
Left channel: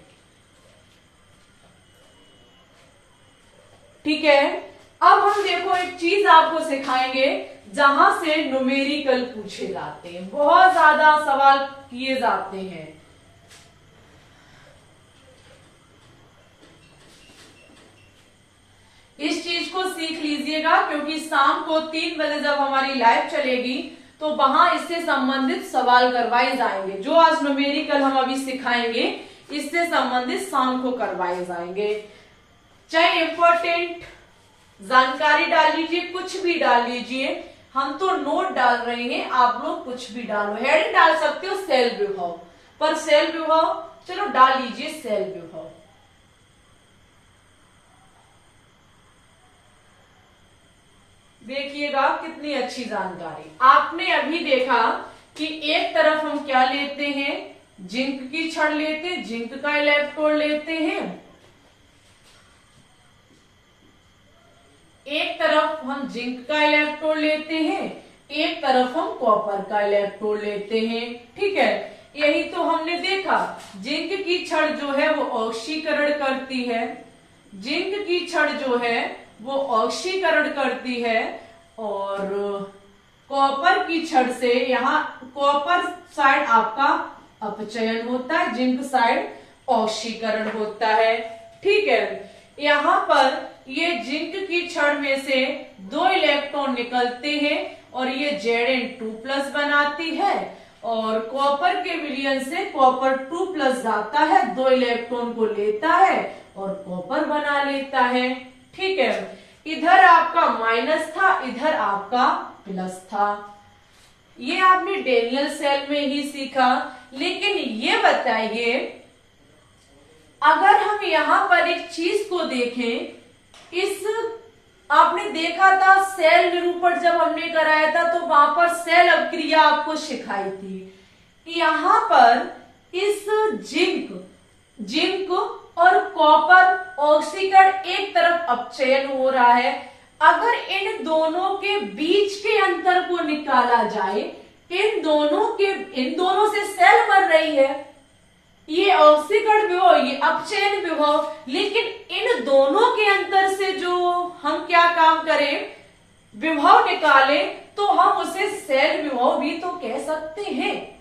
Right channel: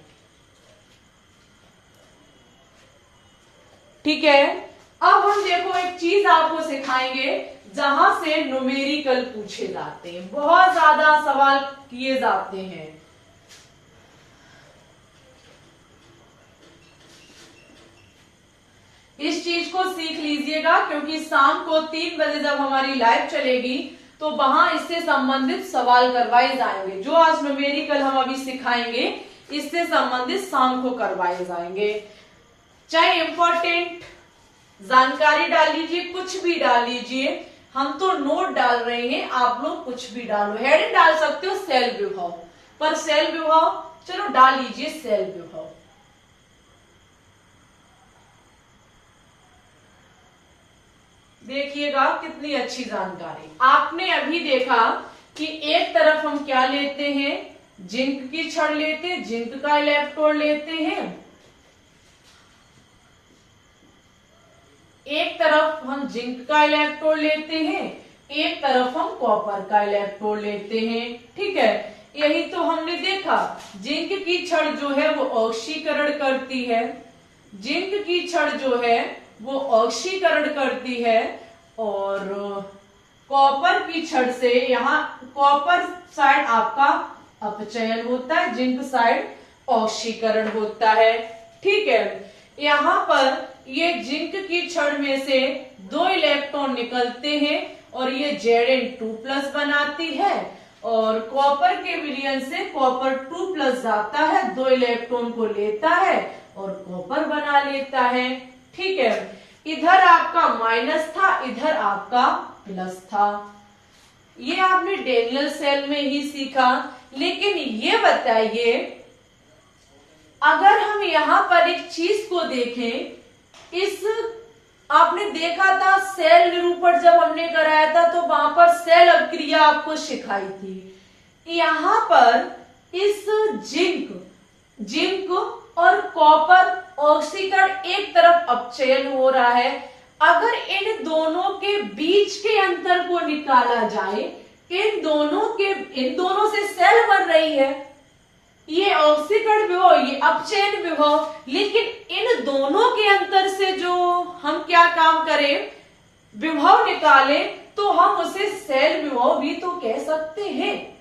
ठीक है, अब हम देखो एक चीज आपको सिखाएंगे जहां से न्यूमेरिकल पूछे जाते हैं, बहुत ज्यादा सवाल किए जाते हैं। इस चीज को सीख लीजिएगा, क्योंकि शाम को 3 बजे जब हमारी लाइव चलेगी तो वहां इससे संबंधित सवाल करवाए जाएंगे। जो आज न्यूमेरिकल हम अभी सिखाएंगे इससे संबंधित शाम को करवाए जाएंगे। चाहे इंपॉर्टेंट जानकारी डाल लीजिए, कुछ भी डाल लीजिए, हम तो नोट डाल रहे हैं, आप लोग कुछ भी डालो। हेडिंग डाल सकते हो सेल विभव, पर सेल विभव चलो डाल लीजिए सेल विभव। देखिएगा कितनी अच्छी जानकारी। आपने अभी देखा कि एक तरफ हम क्या लेते हैं, जिंक की छड़ लेते हैं, जिंक का इलेक्ट्रोड लेते हैं, एक तरफ हम जिंक का इलेक्ट्रोड लेते हैं, एक तरफ हम कॉपर का इलेक्ट्रोड लेते हैं। ठीक है, यही तो हमने देखा। जिंक की छड़ जो है वो ऑक्सीकरण करती है, जिंक की छड़ जो है वो ऑक्सीकरण करती है, और कॉपर की छड़ से यहाँ कॉपर साइड आपका अपचयन होता है, जिंक साइड ऑक्सीकरण होता है। ठीक है, यहाँ पर ये जिंक की छड़ में से 2 इलेक्ट्रॉन निकलते हैं और ये Zn2+ बनाती है, और कॉपर के विलयन से कॉपर 2+ जाता है, 2 इलेक्ट्रॉन को लेता है और कॉपर बना लेता है। ठीक है, इधर आपका माइनस था, इधर आपका प्लस था। ये आपने डेनियल सेल में ही सीखा। लेकिन ये बताइए, अगर हम यहां पर एक चीज को देखें, इस आपने देखा था सेल निरूपण जब हमने कराया था तो वहां पर सेल अभिक्रिया आपको सिखाई थी। यहां पर इस जिंक और कॉपर ऑक्सीकरण एक तरफ अपचयन हो रहा है। अगर इन दोनों के बीच के अंतर को निकाला जाए, इन दोनों से सेल बन रही है, ये ऑक्सीकरण विभव, ये अपचयन विभव, लेकिन इन दोनों के अंतर से जो हम क्या काम करें, विभव निकालें, तो हम उसे सेल विभव भी तो कह सकते हैं।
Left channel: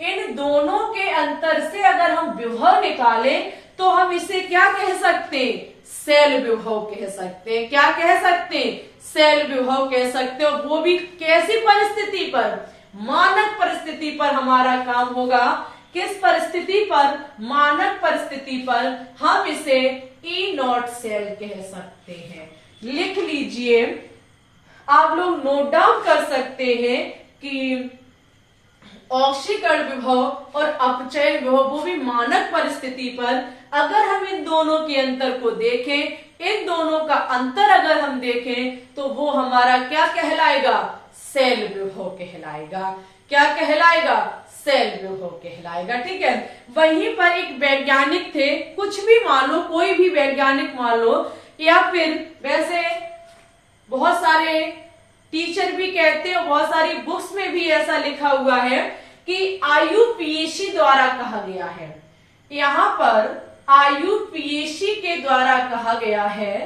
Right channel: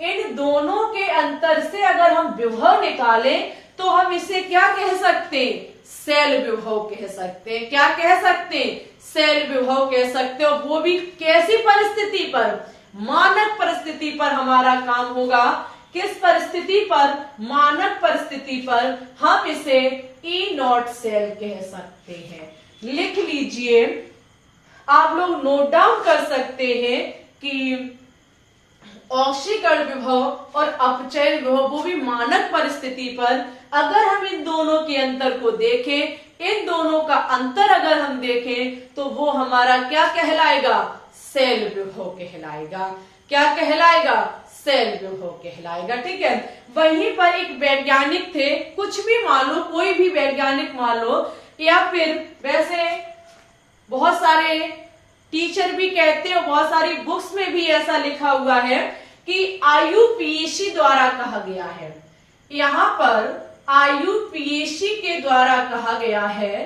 इन दोनों के अंतर से अगर हम विभव निकालें तो हम इसे क्या कह सकते हैं, सेल विभव कह सकते हैं। क्या कह सकते हैं, सेल विभव कह सकते हैं। वो भी कैसी परिस्थिति पर, मानक परिस्थिति पर हमारा काम होगा। किस परिस्थिति पर, मानक परिस्थिति पर हम इसे E0 सेल कह सकते हैं। लिख लीजिए, आप लोग नोट डाउन कर सकते हैं कि ऑक्सीकरण विभव और अपचयन विभव, वो भी मानक परिस्थिति पर, अगर हम इन दोनों के अंतर को देखें, इन दोनों का अंतर अगर हम देखें, तो वो हमारा क्या कहलाएगा, सेल विभव कहलाएगा। क्या कहलाएगा, सेल विभव कहलाएगा। ठीक है, वहीं पर एक वैज्ञानिक थे, कुछ भी मान लो, कोई भी वैज्ञानिक मान लो, या फिर वैसे बहुत सारे टीचर भी कहते हैं, बहुत सारी बुक्स में भी ऐसा लिखा हुआ है कि IUPAC द्वारा कहा गया है। यहां पर IUPAC के द्वारा कहा गया है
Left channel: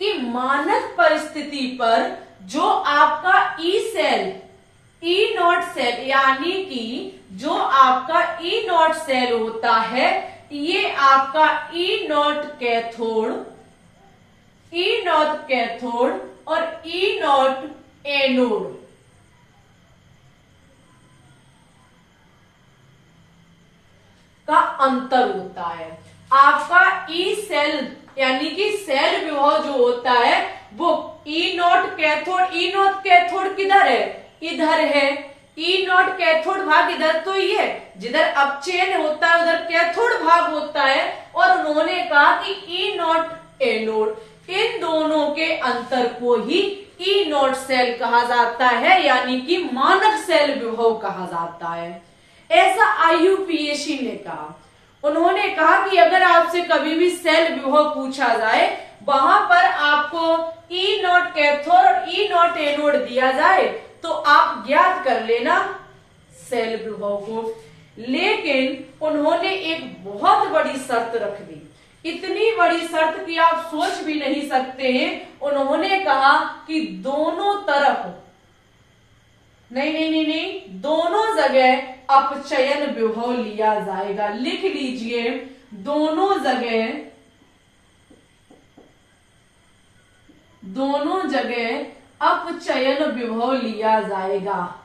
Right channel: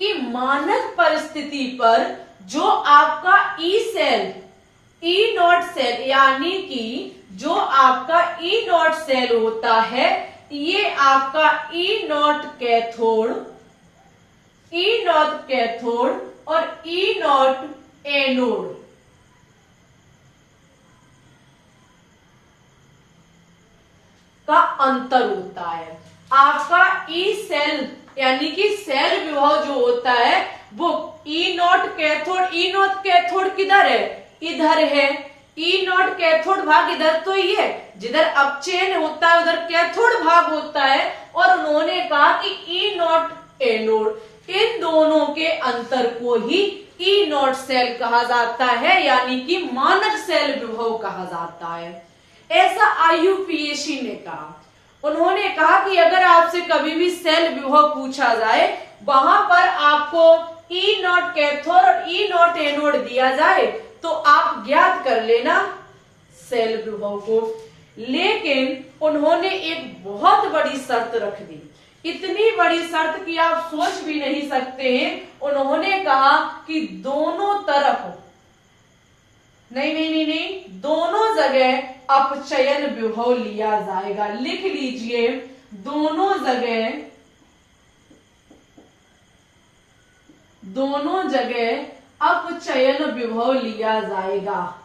कि मानक परिस्थिति पर जो आपका E0 सेल, यानी कि जो आपका E0 सेल होता है, ये आपका E0 कैथोड और E0 एनोड का अंतर होता है। आपका ई सेल यानी कि सेल विभव जो होता है वो E0 कैथोड किधर है, इधर है। E0 कैथोड भाग इधर तो ही है, जिधर अपचयन होता है उधर कैथोड भाग होता है। और उन्होंने कहा कि E0 एनोड, इन दोनों के अंतर को ही E0 सेल कहा जाता है, यानी कि मानक सेल विभव कहा जाता है। ऐसा IUPAC ने कहा। उन्होंने कहा कि अगर आपसे कभी भी सेल विभव पूछा जाए, वहां पर आपको E0 कैथोड और E0 एनोड दिया जाए, तो आप ज्ञात कर लेना सेल विभव को। लेकिन उन्होंने एक बहुत बड़ी शर्त रख दी, इतनी बड़ी शर्त कि आप सोच भी नहीं सकते हैं। उन्होंने कहा कि दोनों तरफ नहीं, दोनों जगह अपचयन विभव लिया जाएगा। लिख लीजिए, दोनों जगह अपचयन विभव लिया जाएगा।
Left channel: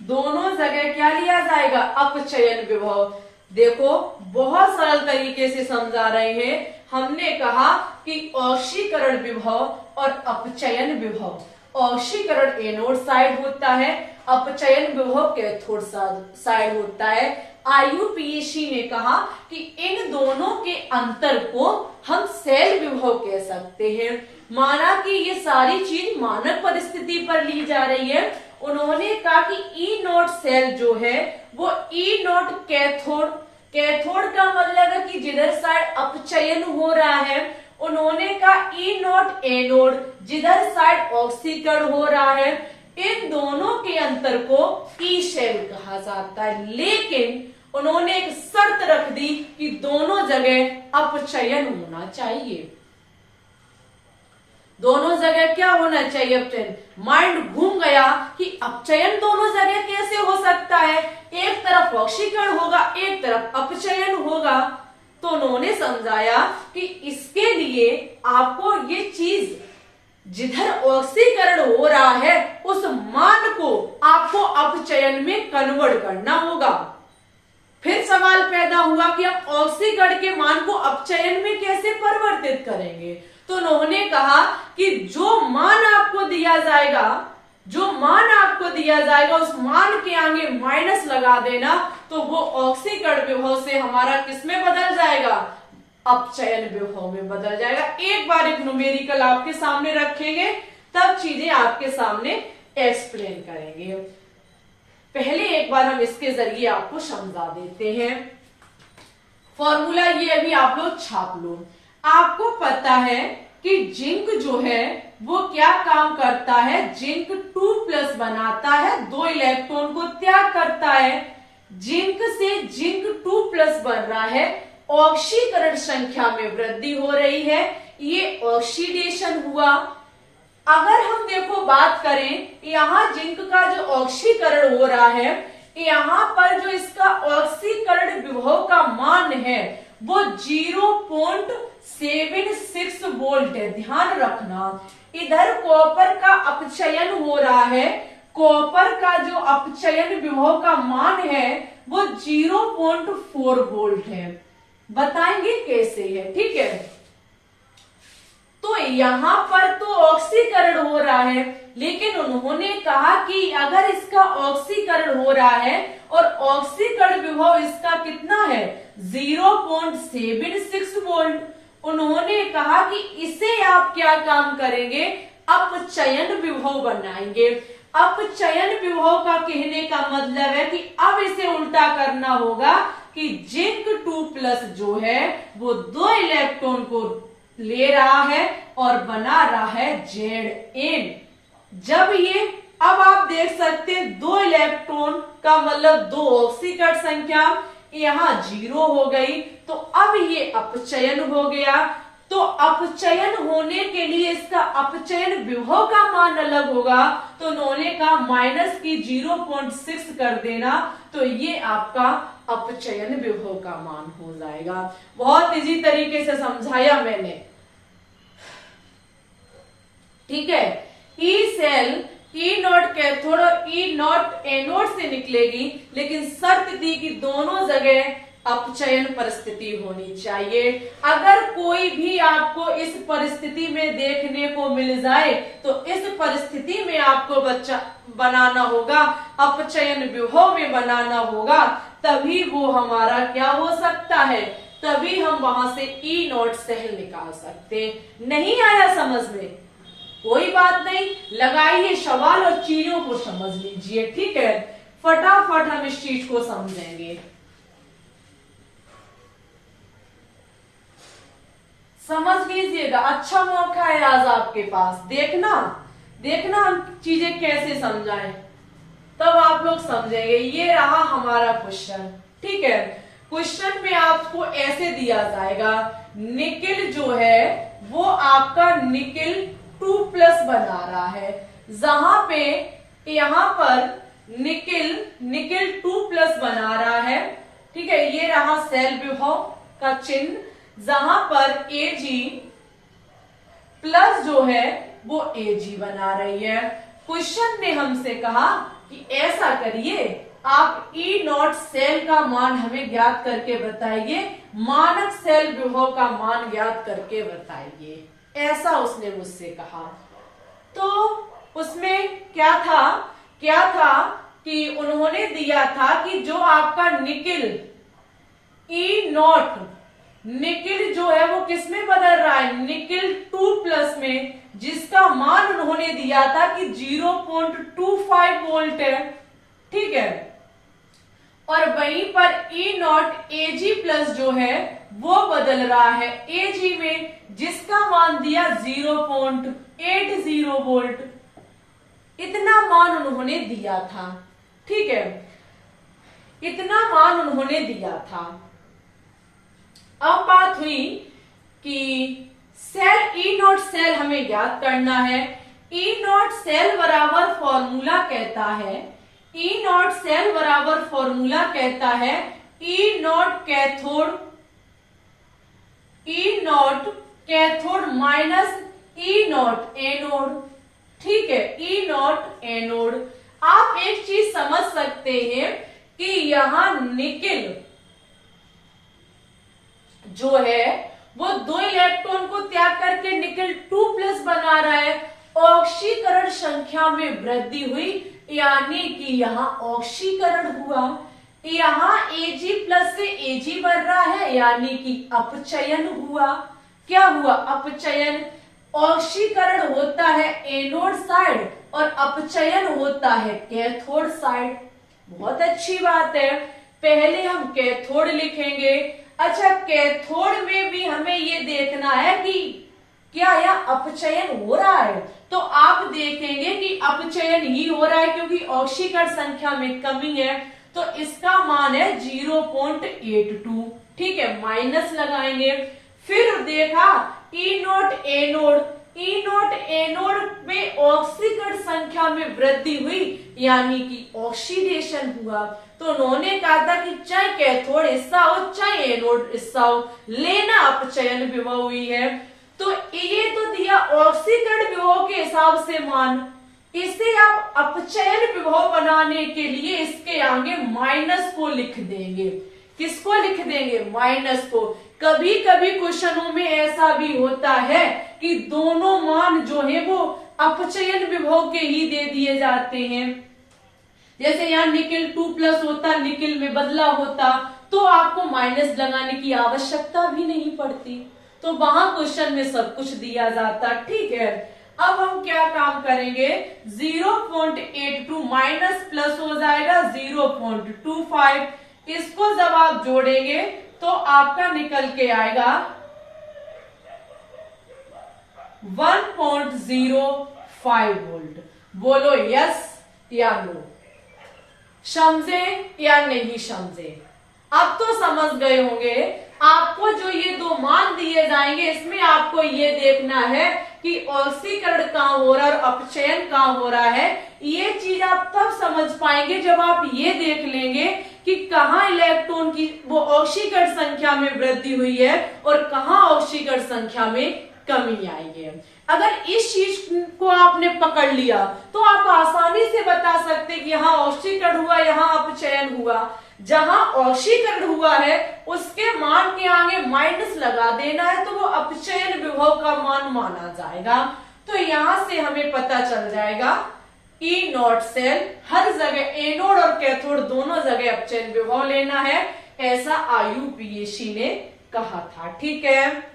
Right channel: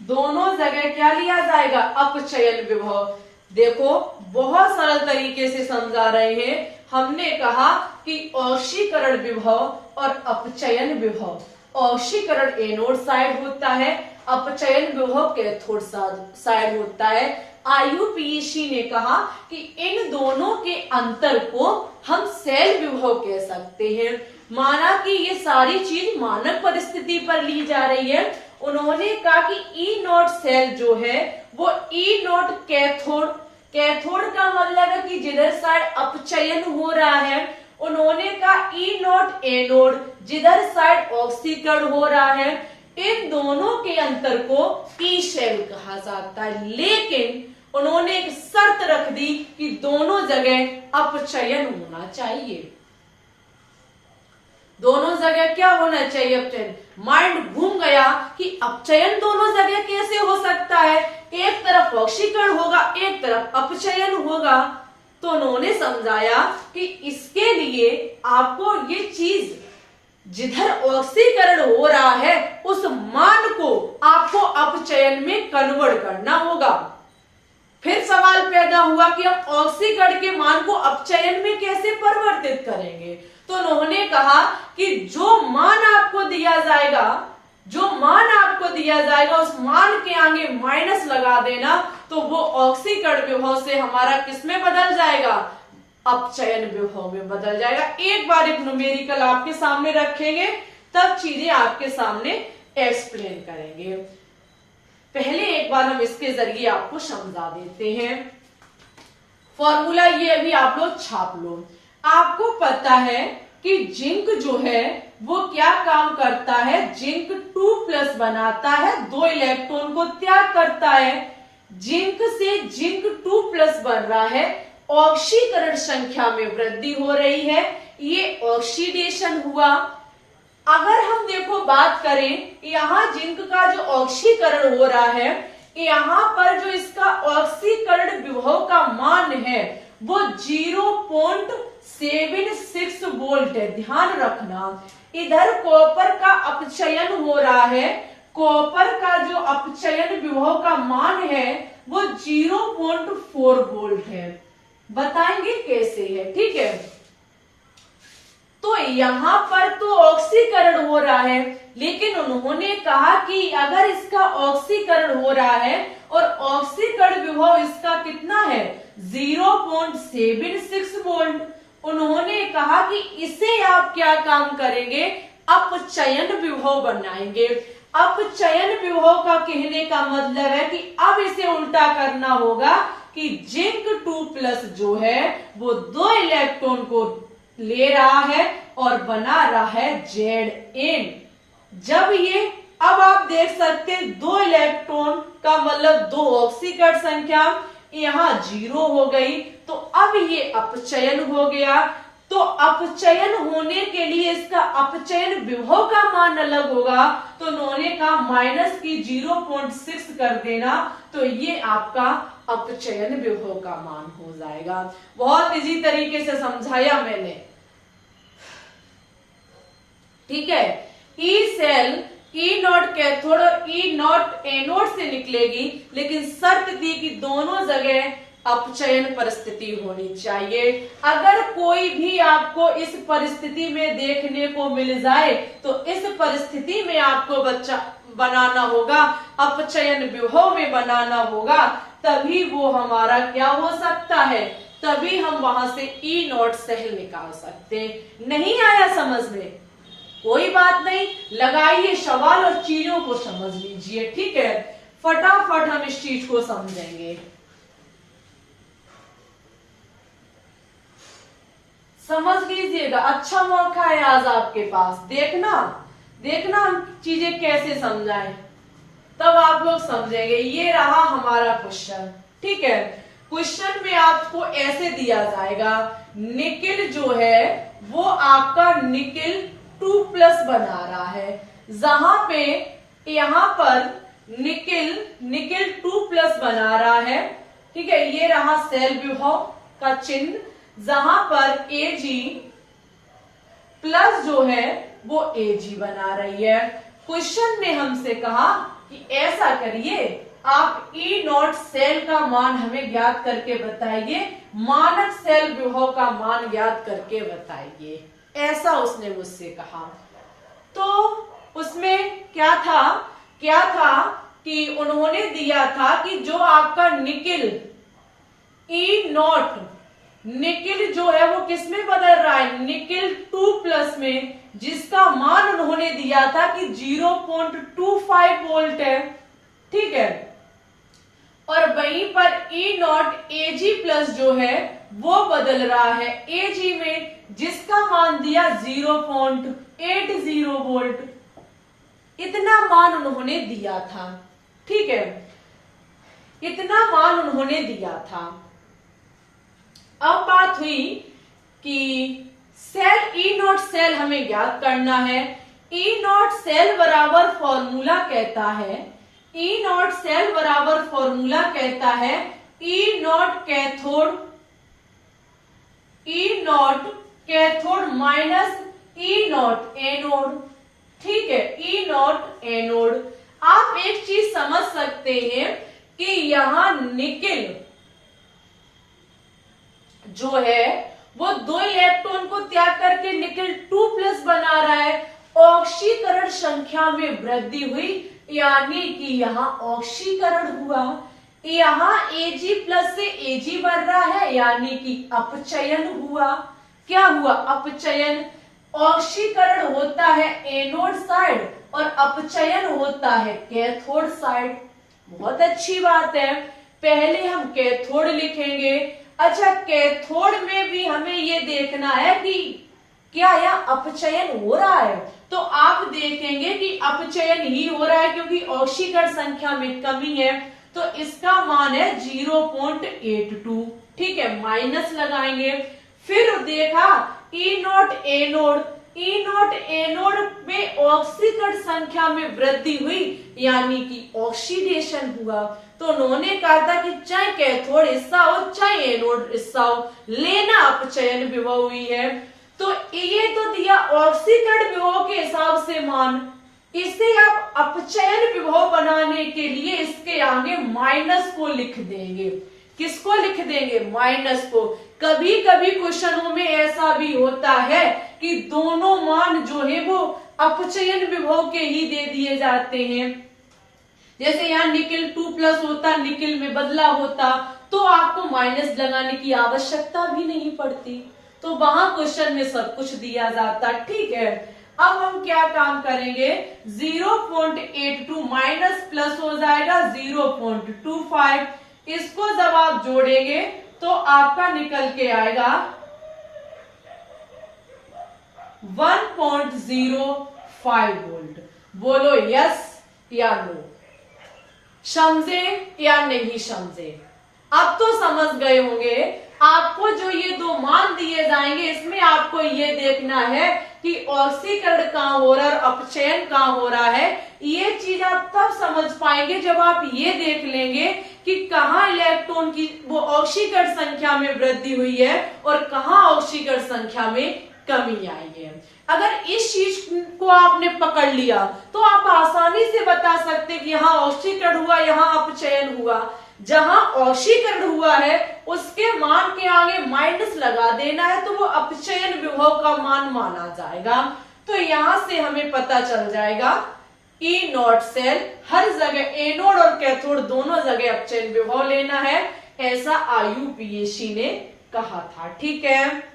दोनों जगह क्या लिया जाएगा, अपचयन विभव। देखो, बहुत सरल तरीके से समझा रहे हैं। हमने कहा कि ऑक्सीकरण विभव और अपचयन विभव, ऑक्सीकरण एनोड साइड होता है, अपचयन विभव कैथोड साइड होता है। IUPAC ने कहा कि इन दोनों के अंतर को हम सेल विभव कह सकते हैं। माना कि ये सारी चीज मानक परिस्थिति पर ली जा रही है। उन्होंने कहा कि E0 सेल जो है वो E0 कैथोड का मतलब है कि जिधर साइड अपचयन हो रहा है। उन्होंने कहा E0 एनोड, जिधर साइड ऑक्सीकरण हो रहा है। इन दोनों के अंतर को ई सेल कहा जाता है। लेकिन उन्होंने एक शर्त रख दी कि दोनों जगह अपचयन होना चाहिए। दोनों जगह क्या होना चाहिए, अपचयन। माइंड घूम गया कि अपचयन दोनों जगह कैसे हो सकता है, एक तरफ ऑक्सीकरण होगा एक तरफ अपचयन होगा। तो उन्होंने समझाया कि इसके लिए आपको ये चीज जिधर ऑक्सीकरण हो रहा है उस मान को आपको अपचयन में कन्वर्ट करना होगा। फिर सवाल पैदा हुआ कि हम ऑक्सीकरण के मान को अपचयन में कैसे परिवर्तित करेंगे। तो उन्होंने कहा कि जो मान आपको दिया जाएगा, जो मान आपको दिया जाएगा उस मान के आगे माइनस लगा देना, तो वो ऑक्सीकरण विभव से हमारा किसमें बदल जाएगा, अपचयन विभव में बदल जाएगा। एक बार एक न्यूमेरिकल आपके सामने रखेंगे तब चीजें आपके सामने एक्सप्लेन करेंगे। पहले एक बार हम इसके जरिए आपको समझा देते हैं। फॉर्मूला ये अभी आप लोग छाप लो। आपको पता है कि जिंक जो है वो क्या काम करता है, जिंक 2+ बनाता है, 2 इलेक्ट्रॉन को त्याग करता है। जिंक से जिंक 2+ बन रहा है, ऑक्सीकरण संख्या में वृद्धि हो रही है, ये ऑक्सीडेशन हुआ। अगर हम देखो बात करें, यहाँ जिंक का जो ऑक्सीकरण हो रहा है, यहाँ पर जो इसका ऑक्सीकरण विभव का मान है वो 0.76 वोल्ट है। ध्यान रखना, इधर कॉपर का अपचयन हो रहा है, कॉपर का जो अपचयन विभव का मान है वो 0.4 वोल्ट है। बताएंगे कैसे है, ठीक है। तो यहाँ पर तो ऑक्सीकरण हो रहा है, लेकिन उन्होंने कहा कि अगर इसका ऑक्सीकरण हो रहा है और ऑक्सीकरण विभव इसका कितना है 0.76 वोल्ट, उन्होंने कहा कि इसे आप क्या काम करेंगे, अपचयन विभव बनाएंगे। अपचयन विभव का कहने का मतलब है कि अब इसे उल्टा करना होगा कि जिंक 2+ जो है वो 2 इलेक्ट्रॉन को ले रहा है और बना रहा है Zn। जब ये, अब आप देख सकते हैं 2 इलेक्ट्रॉन का मतलब 2 ऑक्सीकरण संख्या यहाँ 0 हो गई, तो अब ये अपचयन हो गया। तो अपचयन होने के लिए इसका अपचयन विभव का मान अलग होगा, तो उन्होंने कहा माइनस की 0.6 कर देना, तो ये आपका अपचयन विभव का मान हो जाएगा। बहुत इजी तरीके से समझाया मैंने, ठीक है। E cell E naught cathode और ई नॉट एनोड से निकलेगी, लेकिन शर्त दी कि दोनों जगह अपचयन परिस्थिति होनी चाहिए। अगर कोई भी आपको इस परिस्थिति में देखने को मिल जाए तो इस परिस्थिति में आपको बच्चा बनाना होगा, अपचयन विभव में बनाना होगा, तभी वो हमारा क्या हो सकता है, तभी हम वहां से ई नॉट सेल निकाल सकते। नहीं आया समझ में, कोई बात नहीं, लगाइए सवाल और चीजों को समझ लीजिए, ठीक है। फटाफट हम इस चीज को समझेंगे। समझ लीजिएगा, अच्छा मौका है आज आपके पास, देखना हम चीजें कैसे समझाएं, तब आप लोग समझेंगे। ये रहा हमारा क्वेश्चन, ठीक है। क्वेश्चन में आपको ऐसे दिया जाएगा, निकिल जो है वो आपका निकिल 2+ बना रहा है, जहां पे यहां पर निकिल 2+ बना रहा है, ठीक है। ये रहा सेल विभव का चिन्ह, जहां पर Ag प्लस जो है वो Ag बना रही है। क्वेश्चन ने हमसे कहा कि ऐसा करिए, आप ई नॉट सेल का मान हमें ज्ञात करके बताइए, मानक सेल विभव का मान ज्ञात करके बताइए, ऐसा उसने मुझसे कहा। तो उसमें क्या था कि उन्होंने दिया था कि जो आपका निकिल ई नॉट, निकिल जो है वो किसमें बदल रहा है, निकिल 2+ में, जिसका मान उन्होंने दिया था कि 0.25 वोल्ट है, ठीक है। और वहीं पर ई नॉट Ag+ जो है वो बदल रहा है Ag में, जिसका मान दिया 0.80 वोल्ट, इतना मान उन्होंने दिया था, ठीक है। इतना मान उन्होंने दिया था। अब बात हुई कि सेल ई नॉट सेल हमें ज्ञात करना है। ई नॉट सेल बराबर फॉर्मूला कहता है, ई नॉट सेल बराबर फॉर्मूला कहता है E naught cathode, E naught cathode minus E naught anode. ठीक है, ई नॉट एनोड। आप एक चीज समझ सकते हैं कि यहां निकेल जो है वो 2 इलेक्ट्रॉन को त्याग करके निकेल 2+ बना रहा है। ऑक्सीकरण संख्या में वृद्धि हुई, यानी कि यहाँ ऑक्सीकरण हुआ। यहाँ Ag+ से Ag बन रहा है, यानी कि अपचयन हुआ। क्या हुआ? अपचयन। ऑक्सीकरण होता है एनोड साइड और अपचयन होता है कैथोड साइड। बहुत अच्छी बात है। पहले हम कैथोड लिखेंगे। अच्छा, कैथोड में भी हमें ये देखना है कि क्या यह अपचयन हो रहा है। तो आप देखेंगे कि अपचयन ही हो रहा है, क्योंकि ऑक्सीकरण संख्या में कमी है। तो इसका मान है 0.82। ठीक है, माइनस लगाएंगे। फिर देखा E naught anode, E naught anode में ऑक्सीकरण संख्या में वृद्धि हुई, यानी कि ऑक्सीडेशन हुआ। तो उन्होंने कहा था कि चाहे कैथोड हिस्सा हो चाहे एनोड हिस्सा हो, लेना अपचयन विभव हुई है। तो ये तो दिया ऑक्सीकरण विभव के हिसाब से मान। इसे आप अपचयन विभव बनाने के लिए इसके आगे माइनस को लिख देंगे। किसको लिख देंगे? माइनस को। कभी कभी क्वेश्चनों में ऐसा भी होता है कि दोनों मान जो है वो अपचयन विभव के ही दे दिए जाते हैं। जैसे यहाँ निकेल 2+ होता, निकेल में बदला होता, तो आपको माइनस लगाने की आवश्यकता भी नहीं पड़ती। तो वहां क्वेश्चन में सब कुछ दिया जाता। ठीक है, अब हम क्या काम करेंगे? 0.82 माइनस प्लस हो जाएगा 0.25। इसको जब आप जोड़ेंगे तो आपका निकल के आएगा 1.05 वोल्ट। बोलो यस या नो? समझे या नहीं समझे? अब तो समझ गए होंगे। आपको जो ये 2 मान दिए जाएंगे, इसमें आपको ये देखना है कि ऑक्सीकरण कहां हो रहा है और अपचयन कहां हो रहा है। ये चीज आप तब समझ पाएंगे जब आप ये देख लेंगे कि कहाँ इलेक्ट्रॉन की वो ऑक्सीकरण संख्या में वृद्धि हुई है और कहाँ ऑक्सीकरण संख्या में कमी आई है। अगर इस चीज को आपने पकड़ लिया तो आप आसानी से बता सकते कि यहाँ ऑक्सीकरण हुआ, यहाँ अपचयन हुआ। जहां ऑक्सीकरण हुआ है उसके मान के आगे माइनस लगा देना है, तो वो अपचयन विभव का मान माना जाएगा। तो यहां से हमें पता चल जाएगा ई नॉट सेल हर जगह एनोड और कैथोड दोनों जगह अपचयन विभव लेना है, ऐसा IUPAC ने कहा था। ठीक है,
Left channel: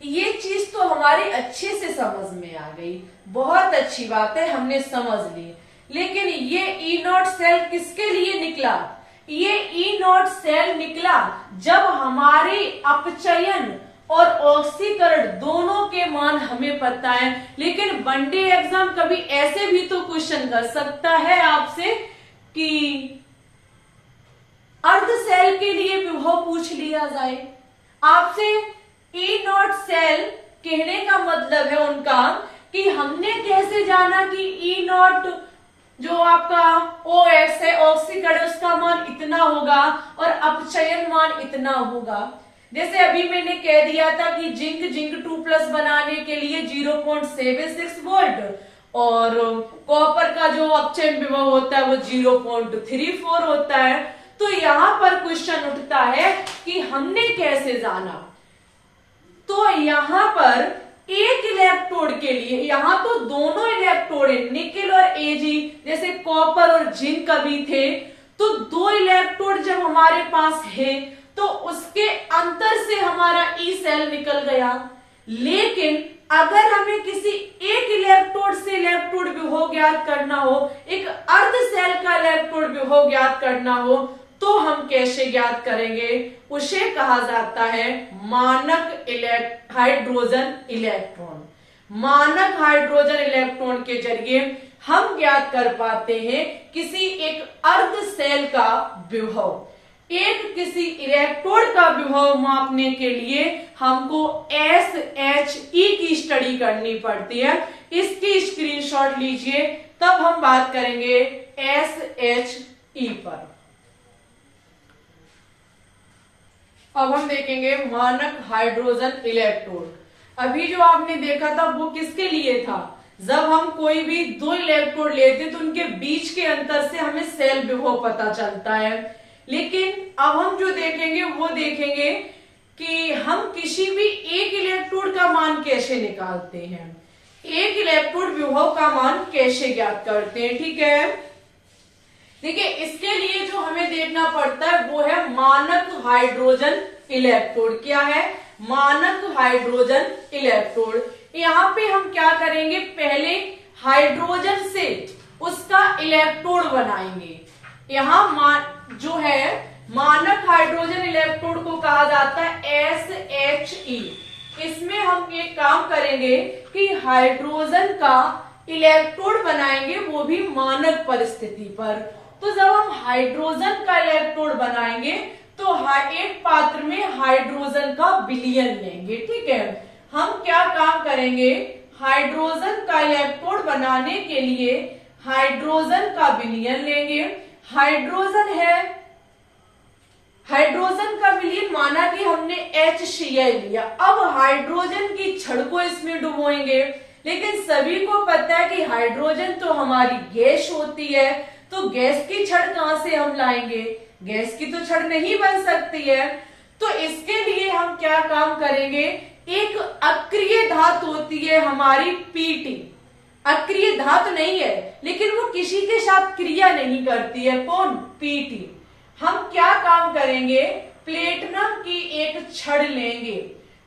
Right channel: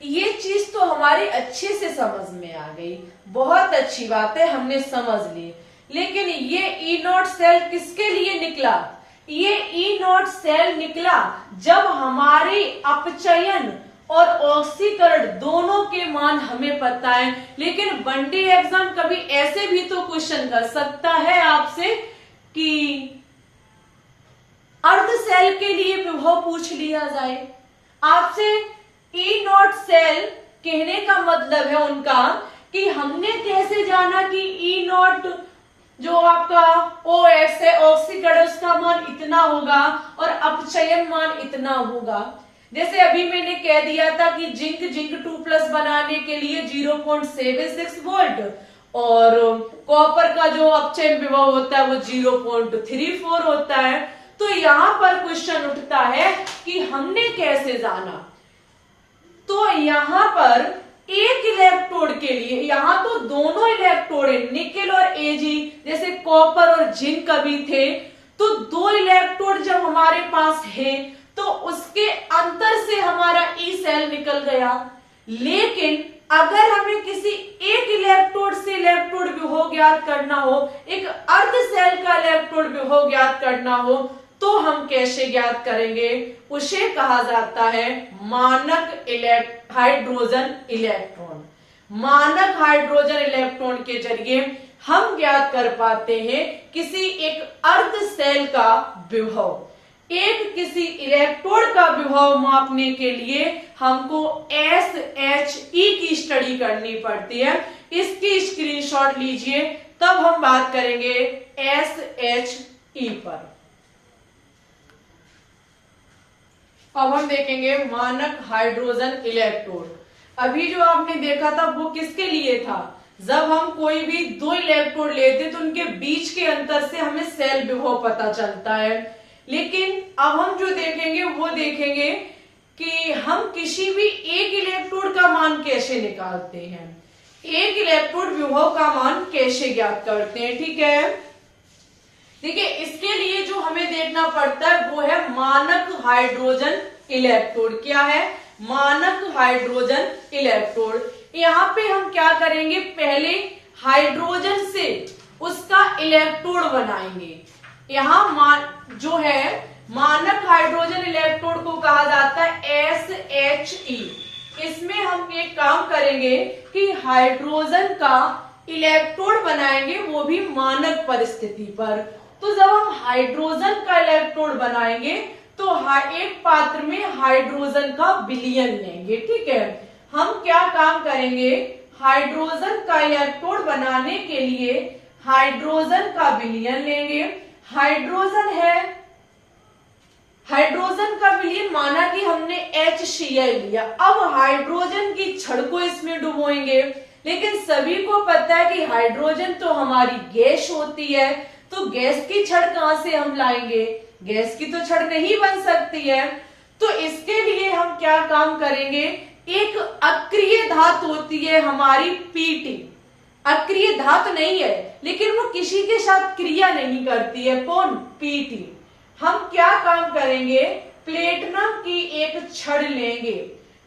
ये चीज तो हमारी अच्छे से समझ में आ गई। बहुत अच्छी बात है, हमने समझ ली। लेकिन ये ई नॉट सेल किसके लिए निकला? ये ई नॉट सेल निकला जब हमारी अपचयन और ऑक्सीकरण दोनों के मान हमें पता है। लेकिन वनडे एग्जाम कभी ऐसे भी तो क्वेश्चन कर सकता है आपसे कि अर्ध सेल के लिए विभव पूछ लिया जाए आपसे। ई नॉट सेल कहने का मतलब है उनका कि हमने कैसे जाना कि ई नॉट जो आपका OH है ऑक्सीकरण उसका मान इतना होगा और अपचयन मान इतना होगा। जैसे अभी मैंने कह दिया था कि जिंक 2+ बनाने के लिए 0.76 वोल्ट और कॉपर का जो अपचयन विभव होता है वो 0.34 होता है। तो यहाँ पर क्वेश्चन उठता है कि हमने कैसे जाना। तो यहाँ पर एक इलेक्ट्रोड के लिए, यहाँ तो दोनों इलेक्ट्रोड है निकेल और Ag, जैसे कॉपर और जिंक कभी थे, तो 2 इलेक्ट्रोड जब हमारे पास है तो उसके अंतर से हमारा ई सेल निकल गया। लेकिन अगर हमें किसी एक इलेक्ट्रोड से इलेक्ट्रोड विभव ज्ञात करना हो, एक अर्ध सेल का इलेक्ट्रोड विभव ज्ञात करना हो, तो हम कैसे ज्ञात करेंगे? उसे कहा जाता है मानक हाइड्रोजन इलेक्ट्रॉन। मानक हाइड्रोजन इलेक्ट्रॉन के जरिए हम ज्ञात कर पाते हैं किसी एक अर्ध सेल का विभव। एक किसी इलेक्ट्रोड का विभव मापने के लिए हमको SHE की स्टडी करनी पड़ती है। इसकी स्क्रीनशॉट लीजिए, तब हम बात करेंगे SHE पर। अब हम देखेंगे मानक हाइड्रोजन इलेक्ट्रोड। अभी जो आपने देखा था वो किसके लिए था? जब हम कोई भी दो इलेक्ट्रोड लेते तो उनके बीच के अंतर से हमें सेल विभव पता चलता है। लेकिन अब हम जो देखेंगे वो देखेंगे कि हम किसी भी एक इलेक्ट्रोड का मान कैसे निकालते हैं, एक इलेक्ट्रोड विभव का मान कैसे ज्ञात करते हैं। ठीक है, देखिए इसके लिए जो हमें देखना पड़ता है वो है मानक हाइड्रोजन इलेक्ट्रोड। क्या है? मानक हाइड्रोजन इलेक्ट्रोड। यहाँ पे हम क्या करेंगे, पहले हाइड्रोजन से उसका इलेक्ट्रोड बनाएंगे। यहाँ जो है मानक हाइड्रोजन इलेक्ट्रोड को कहा जाता है SHE। इसमें हम एक काम करेंगे कि हाइड्रोजन का इलेक्ट्रोड बनाएंगे, वो भी मानक परिस्थिति पर। तो जब हम हाइड्रोजन का इलेक्ट्रोड बनाएंगे तो एक पात्र में हाइड्रोजन का विलयन लेंगे। ठीक है, हम क्या काम करेंगे, हाइड्रोजन का इलेक्ट्रोड बनाने के लिए हाइड्रोजन का विलयन लेंगे। हाइड्रोजन है, हाइड्रोजन का विलयन माना कि हमने HCl लिया। अब हाइड्रोजन की छड़ को इसमें डुबोएंगे, लेकिन सभी को पता है कि हाइड्रोजन तो हमारी गैस होती है, तो गैस की छड़ कहां से हम लाएंगे? गैस की तो छड़ नहीं बन सकती है। तो इसके लिए हम क्या काम करेंगे, एक अक्रिय धातु होती है हमारी PT। अक्रिय धातु नहीं है, लेकिन वो किसी के साथ क्रिया नहीं करती है। कौन? PT। हम क्या काम करेंगे, प्लेटिनम की एक छड़ लेंगे।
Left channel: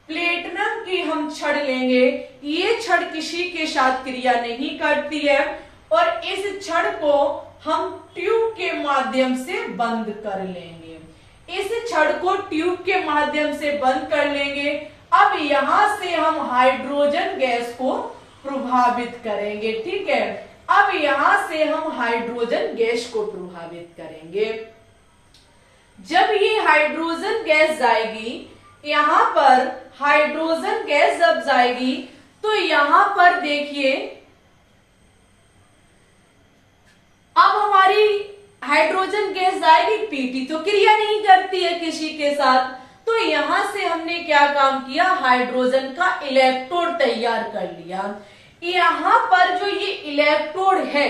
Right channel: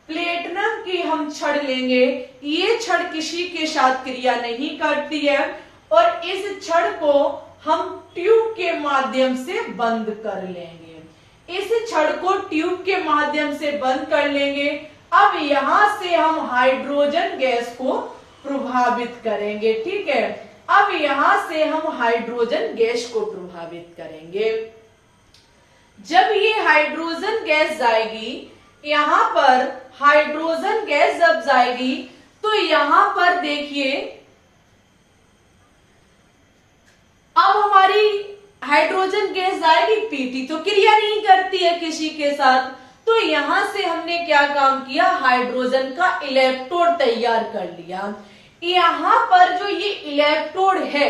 प्लेटिनम की हम छड़ लेंगे, ये छड़ किसी के साथ क्रिया नहीं करती है, और इस छड़ को हम ट्यूब के माध्यम से बंद कर लेंगे। इस छड़ को ट्यूब के माध्यम से बंद कर लेंगे। अब यहां से हम हाइड्रोजन गैस को प्रभावित करेंगे। ठीक है, अब यहां से हम हाइड्रोजन गैस को प्रभावित करेंगे। जब ये हाइड्रोजन गैस जाएगी, यहां पर हाइड्रोजन गैस जब जाएगी तो यहां पर देखिए अब हमारी हाइड्रोजन गैस जाएगी, PT तो क्रिया नहीं करती है किसी के साथ। तो यहां से हमने क्या काम किया, हाइड्रोजन का इलेक्ट्रोड तैयार कर लिया। यहां पर जो ये इलेक्ट्रोड है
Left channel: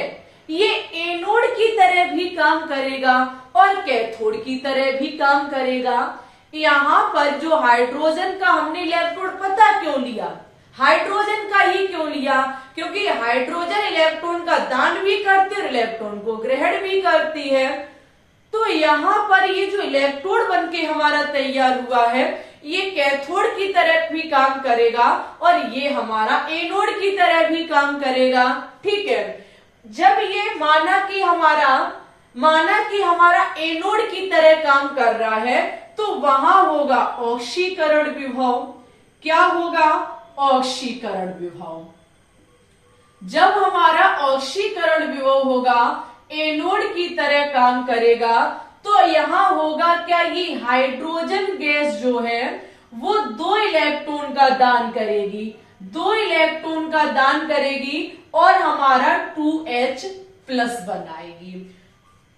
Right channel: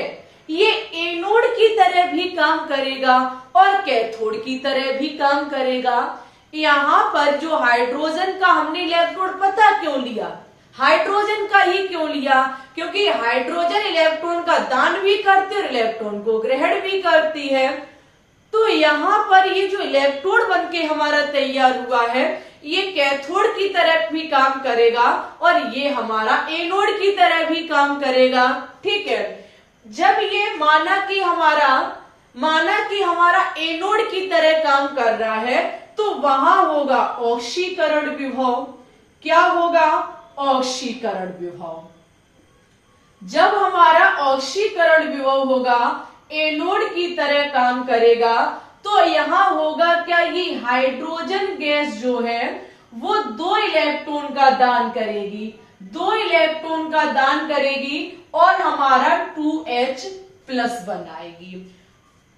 ये एनोड की तरह भी काम करेगा और कैथोड की तरह भी काम करेगा। यहां पर जो हाइड्रोजन का हमने इलेक्ट्रोड पता क्यों लिया, हाइड्रोजन का ही क्यों लिया, क्योंकि हाइड्रोजन इलेक्ट्रॉन का दान भी करती है और इलेक्ट्रॉन को ग्रहण भी करती है। तो यहाँ पर ये जो इलेक्ट्रोड बनके हमारा तैयार हुआ है ये कैथोड की तरह भी काम करेगा और ये हमारा एनोड की तरह भी काम करेगा। ठीक है, जब ये माना कि हमारा एनोड की तरह काम कर रहा है तो वहां होगा ऑक्सीकरण विभव। क्या होगा? ऑक्सीकरण विभव। जब हमारा ऑक्सीकरण विभव होगा, एनोड की तरह काम करेगा, तो यहां होगा क्या, ये हाइड्रोजन गैस जो है वो 2 इलेक्ट्रॉन का दान करेगी, 2 इलेक्ट्रॉन का दान करेगी और हमारा 2H प्लस बनाएगी।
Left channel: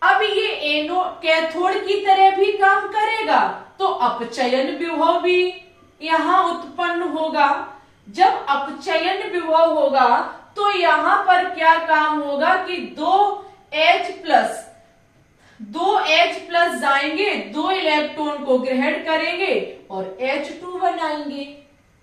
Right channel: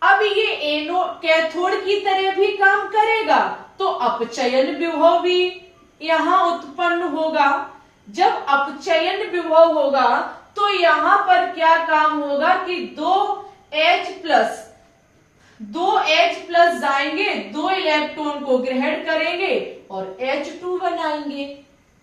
अब ये एनोड कैथोड की तरह भी काम करेगा तो अपचयन विभव भी यहां उत्पन्न होगा। जब अपचयन विभव होगा तो यहां पर क्या काम होगा कि 2H प्लस जाएंगे, 2 इलेक्ट्रॉन को ग्रहण करेंगे और H2 बनाएंगे।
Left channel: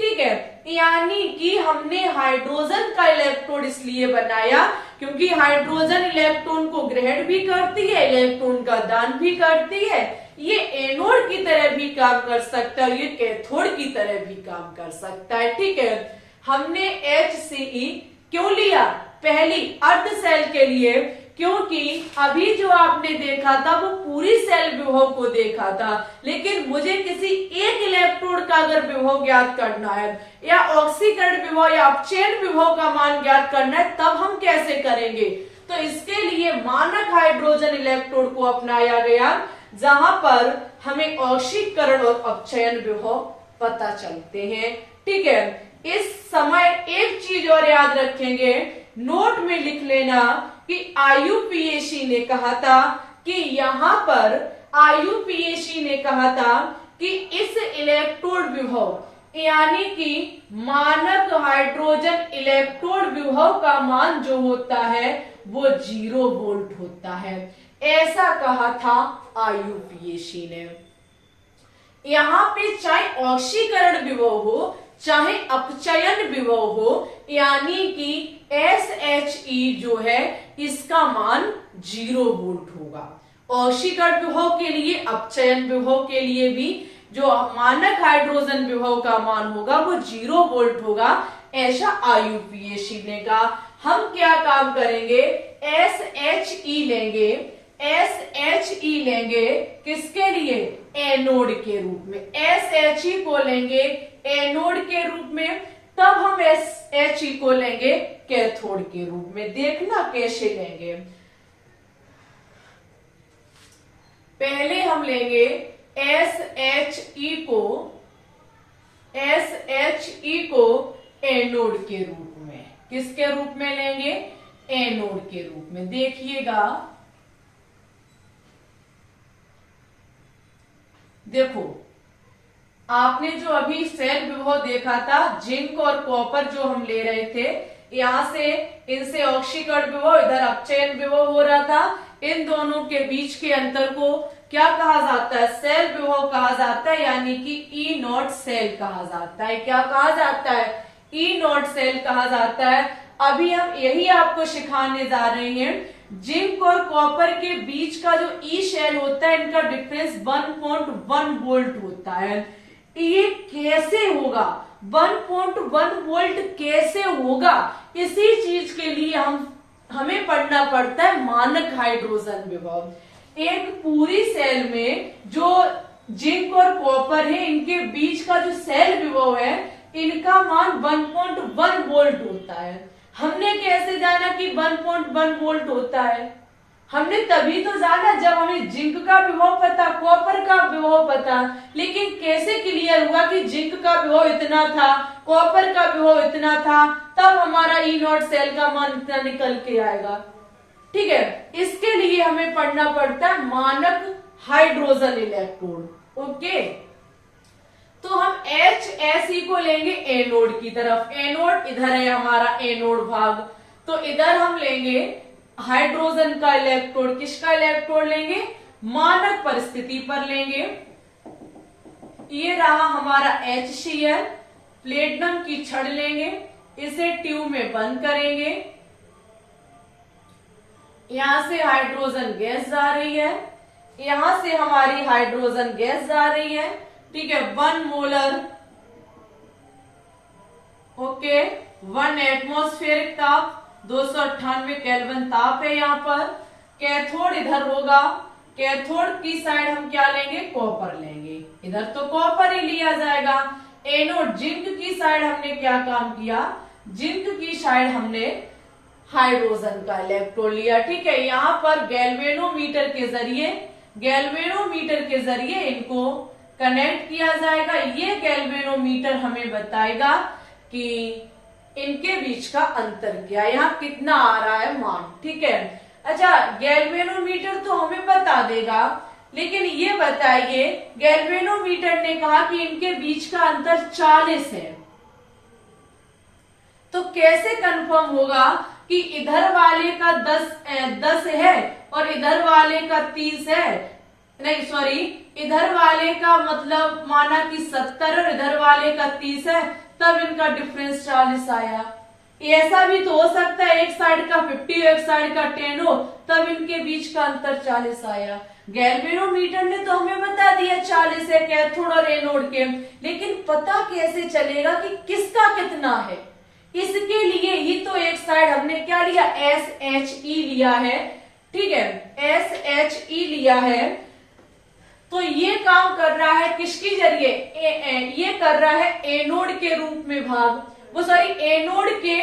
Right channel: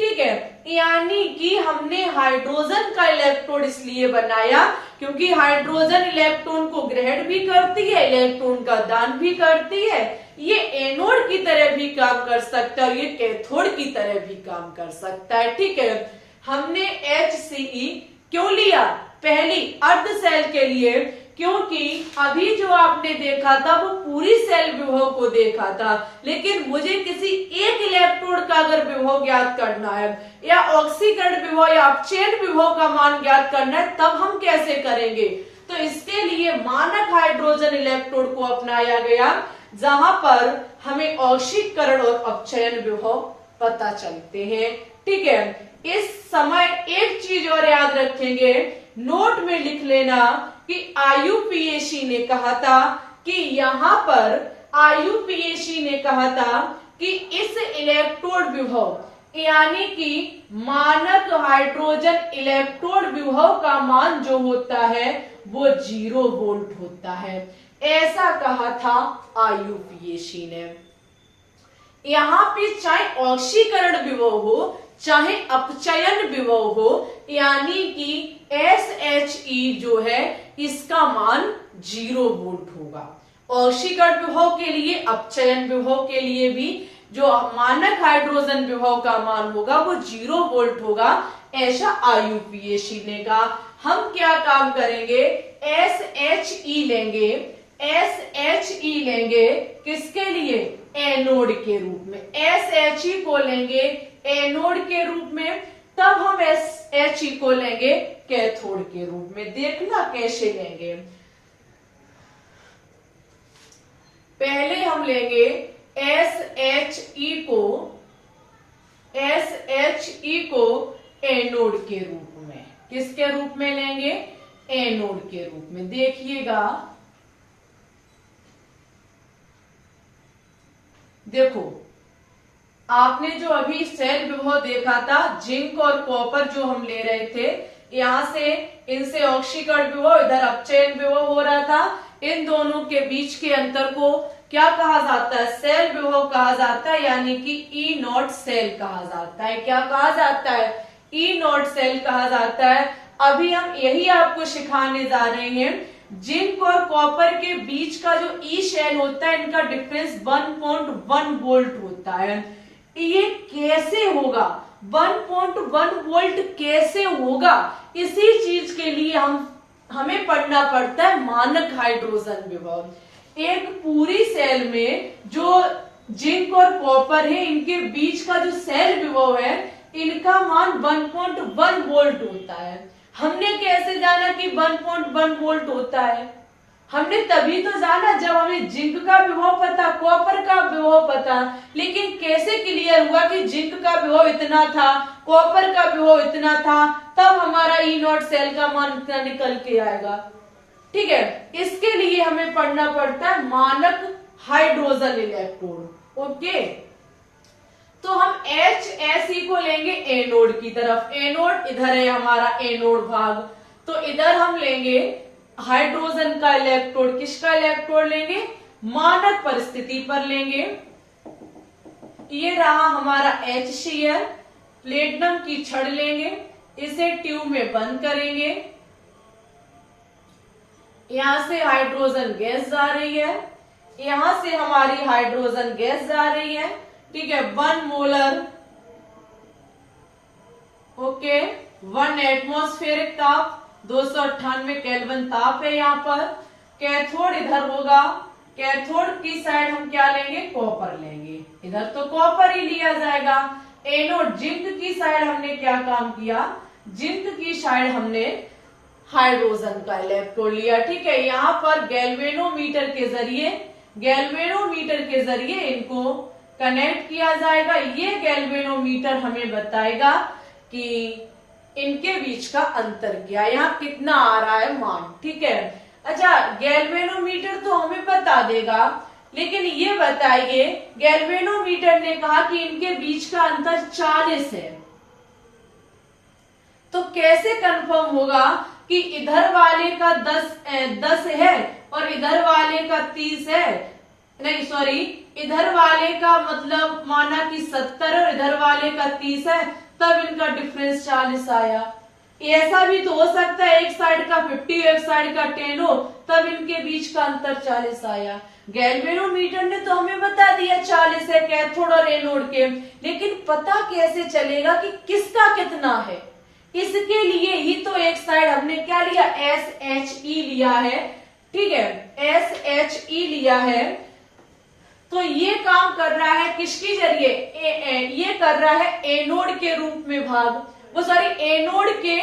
ठीक है, यानी कि हमने हाइड्रोजन का इलेक्ट्रोड इसलिए बनाया क्योंकि हाइड्रोजन इलेक्ट्रॉन को ग्रहण भी करती है, इलेक्ट्रॉन का दान भी करती है। ये एनोड की तरह भी काम कर सकता है, ये कैथोड की तरह भी काम कर सकता है। ठीक है, हमने HCE क्यों लिया? पहली अर्ध सेल के लिए, क्योंकि अभी जो आपने देखा था वो पूरी सेल विभव को देखा था, लेकिन मुझे किसी एक इलेक्ट्रोड का अगर विभव ज्ञात करना है या ऑक्सीकरण विभव या अपचयन विभव का मान ज्ञात करना है, तब हम कैसे करेंगे? तो इसके लिए मानक हाइड्रोजन इलेक्ट्रोड को अपनाया गया, जहां पर हमें औशीकरण और अपचयन विभव पता चलते हैं। ठीक है, इस समय एक चीज और याद रखेंगे, नोट में लिख लेना कि IUPAC ने कहा था कि यहां पर IUPAC ने कहा था कि इस इलेक्ट्रोड विभव यानी कि मानक हाइड्रोजन इलेक्ट्रोड विभव का मान जो होता है वो 0 वोल्ट होता है, ऐसा कहा था IUPAC ने। यहां पे चाहे औशीकरण विभव हो चाहे अपचयन विभव हो, यानी कि SHE जो है इसका मान 0 वोल्ट होगा। औशीकरण विभव के लिए, अपचयन विभव के लिए भी जो मानक हाइड्रोजन विभव का मान होगा वो 0 वोल्ट होगा, ऐसा IUPAC ने कहा। हम क्या काम करेंगे, SHE लेंगे, SHE लेंगे किसके लिए, एनोड के रूप में, SHE को लेंगे एनोड के रूप में, तब हम SHE को लेंगे कैथोड के रूप में। देखना कैसे लेंगे, पहले हम लेंगे SHE को एनोड के रूप में। किसके रूप में लेंगे, एनोड के रूप में। देखिएगा, देखो आपने जो अभी सेल विभव देखा था, जिंक और कॉपर जो हम ले रहे थे, यहां से इनसे ऑक्सीकरण विभव, इधर अपचयन विभव हो रहा था। इन दोनों के बीच के अंतर को क्या कहा जाता है, सेल विभव कहा जाता है, यानी कि ई नॉट सेल कहा जाता है। क्या कहा जाता है, ई नॉट सेल कहा जाता है। अभी हम यही आपको सिखाने जा रहे हैं। जिंक और कॉपर के बीच का जो ई शेल होता है, इनका डिफरेंस 1.1 वोल्ट होता है। ये कैसे होगा, 1.1 वोल्ट कैसे होगा, इसी चीज के लिए हमें पढ़ना पड़ता है मानक हाइड्रोजन विभव। एक पूरी सेल में जो जिंक और कॉपर है, इनके बीच का जो सेल विभव है, इनका मान 1.1 वोल्ट होता है। हमने कैसे जाना कि 1.1 वोल्ट होता है, हमने तभी तो जाना जब हमें जिंक का विभव पता, कॉपर का विभव पता। लेकिन कैसे क्लियर हुआ कि जिंक का विभव इतना था, कॉपर का विभव इतना था, तब हमारा ई नॉट सेल का मान इतना निकल के आएगा। ठीक है, इसके लिए हमें पढ़ना पड़ता है मानक हाइड्रोजन इलेक्ट्रोड। ओके, तो हम HSE को लेंगे एनोड की तरफ। एनोड इधर है हमारा एनोड भाग, तो इधर हम लेंगे हाइड्रोजन का इलेक्ट्रोड। किसका इलेक्ट्रोड लेंगे, मानक परिस्थिति पर लेंगे। ये रहा हमारा HCl। प्लेटिनम की छड़ लेंगे, इसे ट्यूब में बंद करेंगे। यहां से हाइड्रोजन गैस जा रही है, यहां से हमारी हाइड्रोजन गैस जा रही है। ठीक है, 1 मोलर, ओके, 1 एटमॉस्फेरिक ताप, 298 केल्विन ताप है यहाँ पर। कैथोड इधर होगा, कैथोड की साइड हम क्या लेंगे, कॉपर लेंगे। इधर तो कॉपर ही लिया जाएगा। एनोड जिंक की साइड हमने क्या काम किया, जिंक की साइड हमने हाइड्रोजन का इलेक्ट्रोड लिया। ठीक है, यहाँ पर गैल्वेनोमीटर के जरिए इनको कनेक्ट किया जाएगा। ये गैल्वेनोमीटर हमें बताएगा कि इनके बीच का अंतर क्या है, यहाँ कितना आ रहा है मान। ठीक है, अच्छा, गैल्वेनोमीटर तो हमें बता देगा, लेकिन ये बताइए, गैल्वेनोमीटर ने कहा कि इनके बीच का अंतर 40 है, तो कैसे कंफर्म होगा कि इधर वाले का 10 है और इधर वाले का 30 है? नहीं सॉरी, इधर वाले का मतलब माना कि 70 और इधर वाले का 30 है, तब इनका डिफरेंस 40 आया। ऐसा भी तो हो सकता है एक साइड का 50 एक साइड का 10 हो, तब इनके बीच का अंतर 40 आया। गैल्वेनोमीटर ने तो हमें बता दिया 40 है कैथोड और एनोड के, लेकिन पता कैसे चलेगा कि किसका कितना है? इसके लिए ही तो एक साइड हमने क्या लिया, SHE लिया है। ठीक है, SHE लिया है, तो ये काम कर रहा है किसके जरिए, ये कर रहा है एनोड के रूप में भाग, वो सॉरी एनोड के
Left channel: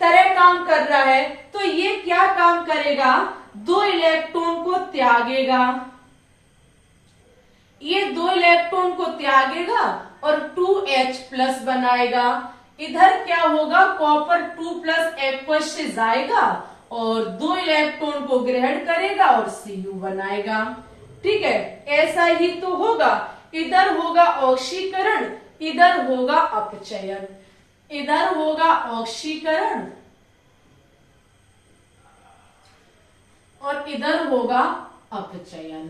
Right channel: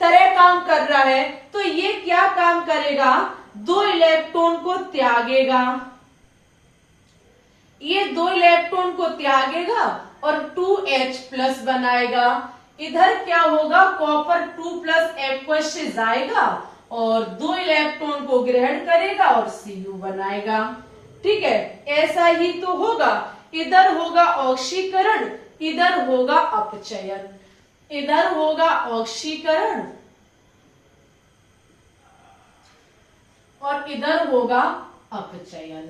तरह काम कर रहा है, तो ये क्या काम करेगा, 2 इलेक्ट्रॉन को त्यागेगा, ये 2 इलेक्ट्रॉन को त्यागेगा और 2H प्लस बनाएगा। इधर क्या होगा, कॉपर 2 प्लस एक्वस से जाएगा और 2 इलेक्ट्रॉन को ग्रहण करेगा और Cu बनाएगा। ठीक है, ऐसा ही तो होगा। इधर होगा ऑक्सीकरण, इधर होगा अपचयन, इधर होगा ऑक्सीकरण और इधर होगा अपचयन।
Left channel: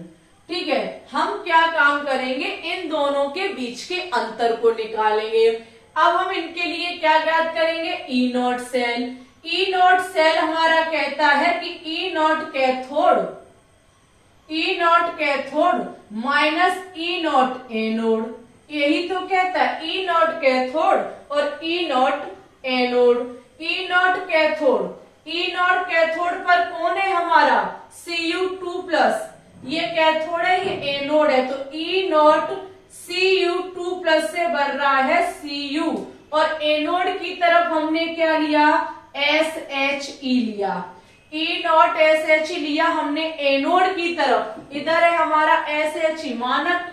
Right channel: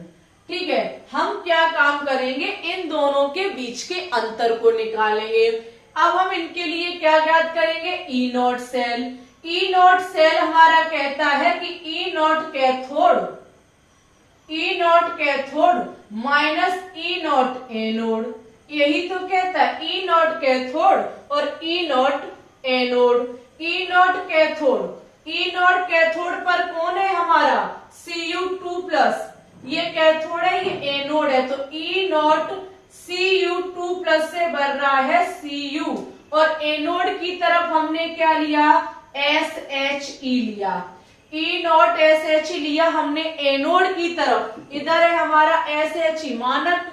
ठीक है, हम क्या काम करेंगे, इन दोनों के बीच के अंतर को निकालेंगे। अब हम इनके लिए क्या ज्ञात करेंगे, E naught cell. E naught cell हमारा कहता है कि E naught cathode minus E naught anode, यही तो कहता है, ई नॉट कैथोड और E naught anode. E naught cathode पर कौन है हमारा, Cu2 प्लस, ये कैथोड है, ये एनोड है, तो ई नॉट Cu2 प्लस से भर रहा है Cu और एनोड की तरफ हमने क्या लिया, SHE लिया। ई नॉट SHE लिया हमने एनोड की तरफ, इधर है हमारा SHE मानक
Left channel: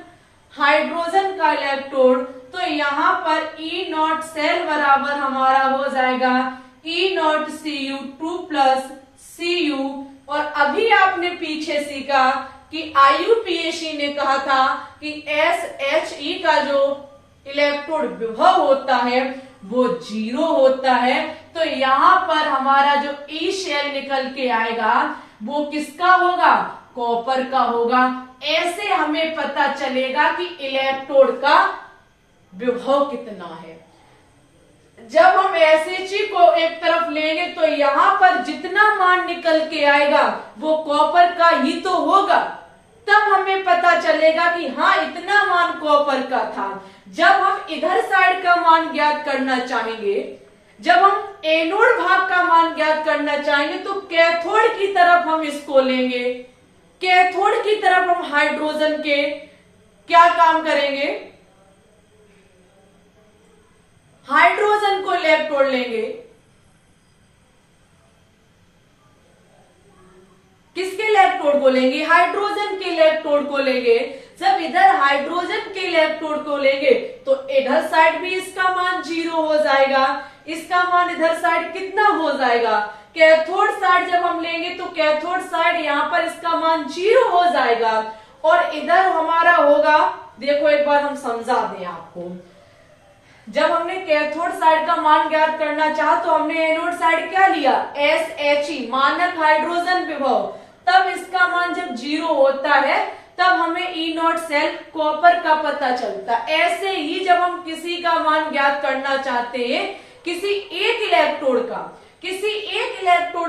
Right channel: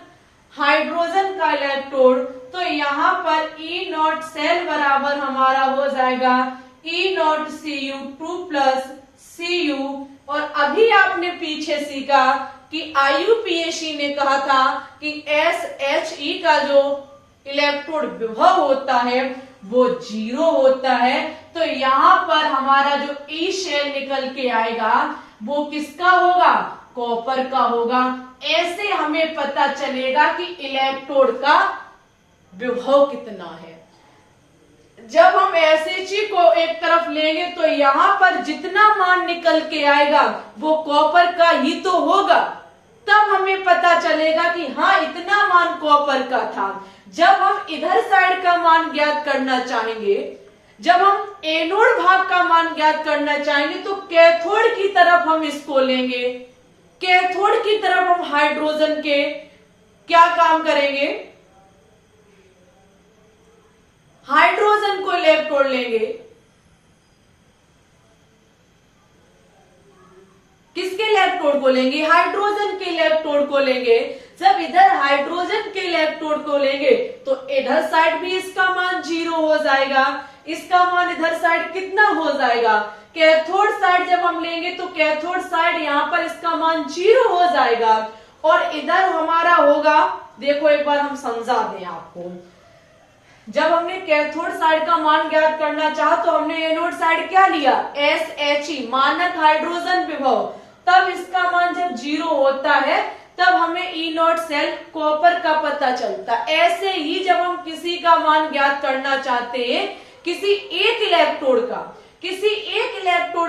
हाइड्रोजन का इलेक्ट्रोड, तो यहाँ पर ई नॉट सेल बराबर हमारा हो जाएगा ई नॉट Cu2 प्लस Cu। और अभी आपने पीछे सीखा कि IUPAC ने कहा था कि SHE का जो इलेक्ट्रोड विभव होता है वो 0 होता है, तो यहाँ पर हमारा जो ई शेल निकल के आएगा वो किसका होगा, कॉपर का होगा। ऐसे हमें पता चलेगा कि इलेक्ट्रोड का विभव कितना है। जब हम SHE को एक तरफ लेंगे तो यहाँ पर जितना मान निकल के आएगा वो कॉपर का ही तो होगा, तब हमें पता चलेगा कि हाँ इतना मान कॉपर का था। जब हम इधर साइड का मान ज्ञात करना चाहेंगे, जब हम एनोड भाग का मान ज्ञात करना चाहेंगे तो कैथोड की तरफ हम इसको लेंगे, कैथोड की तरफ हम हाइड्रोजन के क्या काम करेंगे, हाइड्रोजन को इलेक्ट्रोड लेंगे। किसके इलेक्ट्रोड को लेंगे, हाइड्रोजन के इलेक्ट्रोड को लेंगे। जब इधर हाइड्रोजन के इलेक्ट्रोड को लेंगे तो इधर साइड भी इसका मान 0 हो जाएगा, इसका मान इधर साइड कितना हो जाएगा, कैथोड साइड जब हम लेंगे तो कैथोड साइड यहाँ पर इसका मान 0 हो जाएगा और इधर हमारा होगा, देखो एक बार हम समझा दें आपको, जब हमने कैथोड साइड का मान ज्ञात करना चाहा तो हमने एनोड साइड क्या लिया, SHE मानक हाइड्रोजन विभव, तब इसका मान जब 0 होता है तब हमें ई नॉट सेल कॉपर का पता चलता। ऐसे ही जब हम किसी का मान ज्ञात करना चाहते हैं, किसी एक इलेक्ट्रोड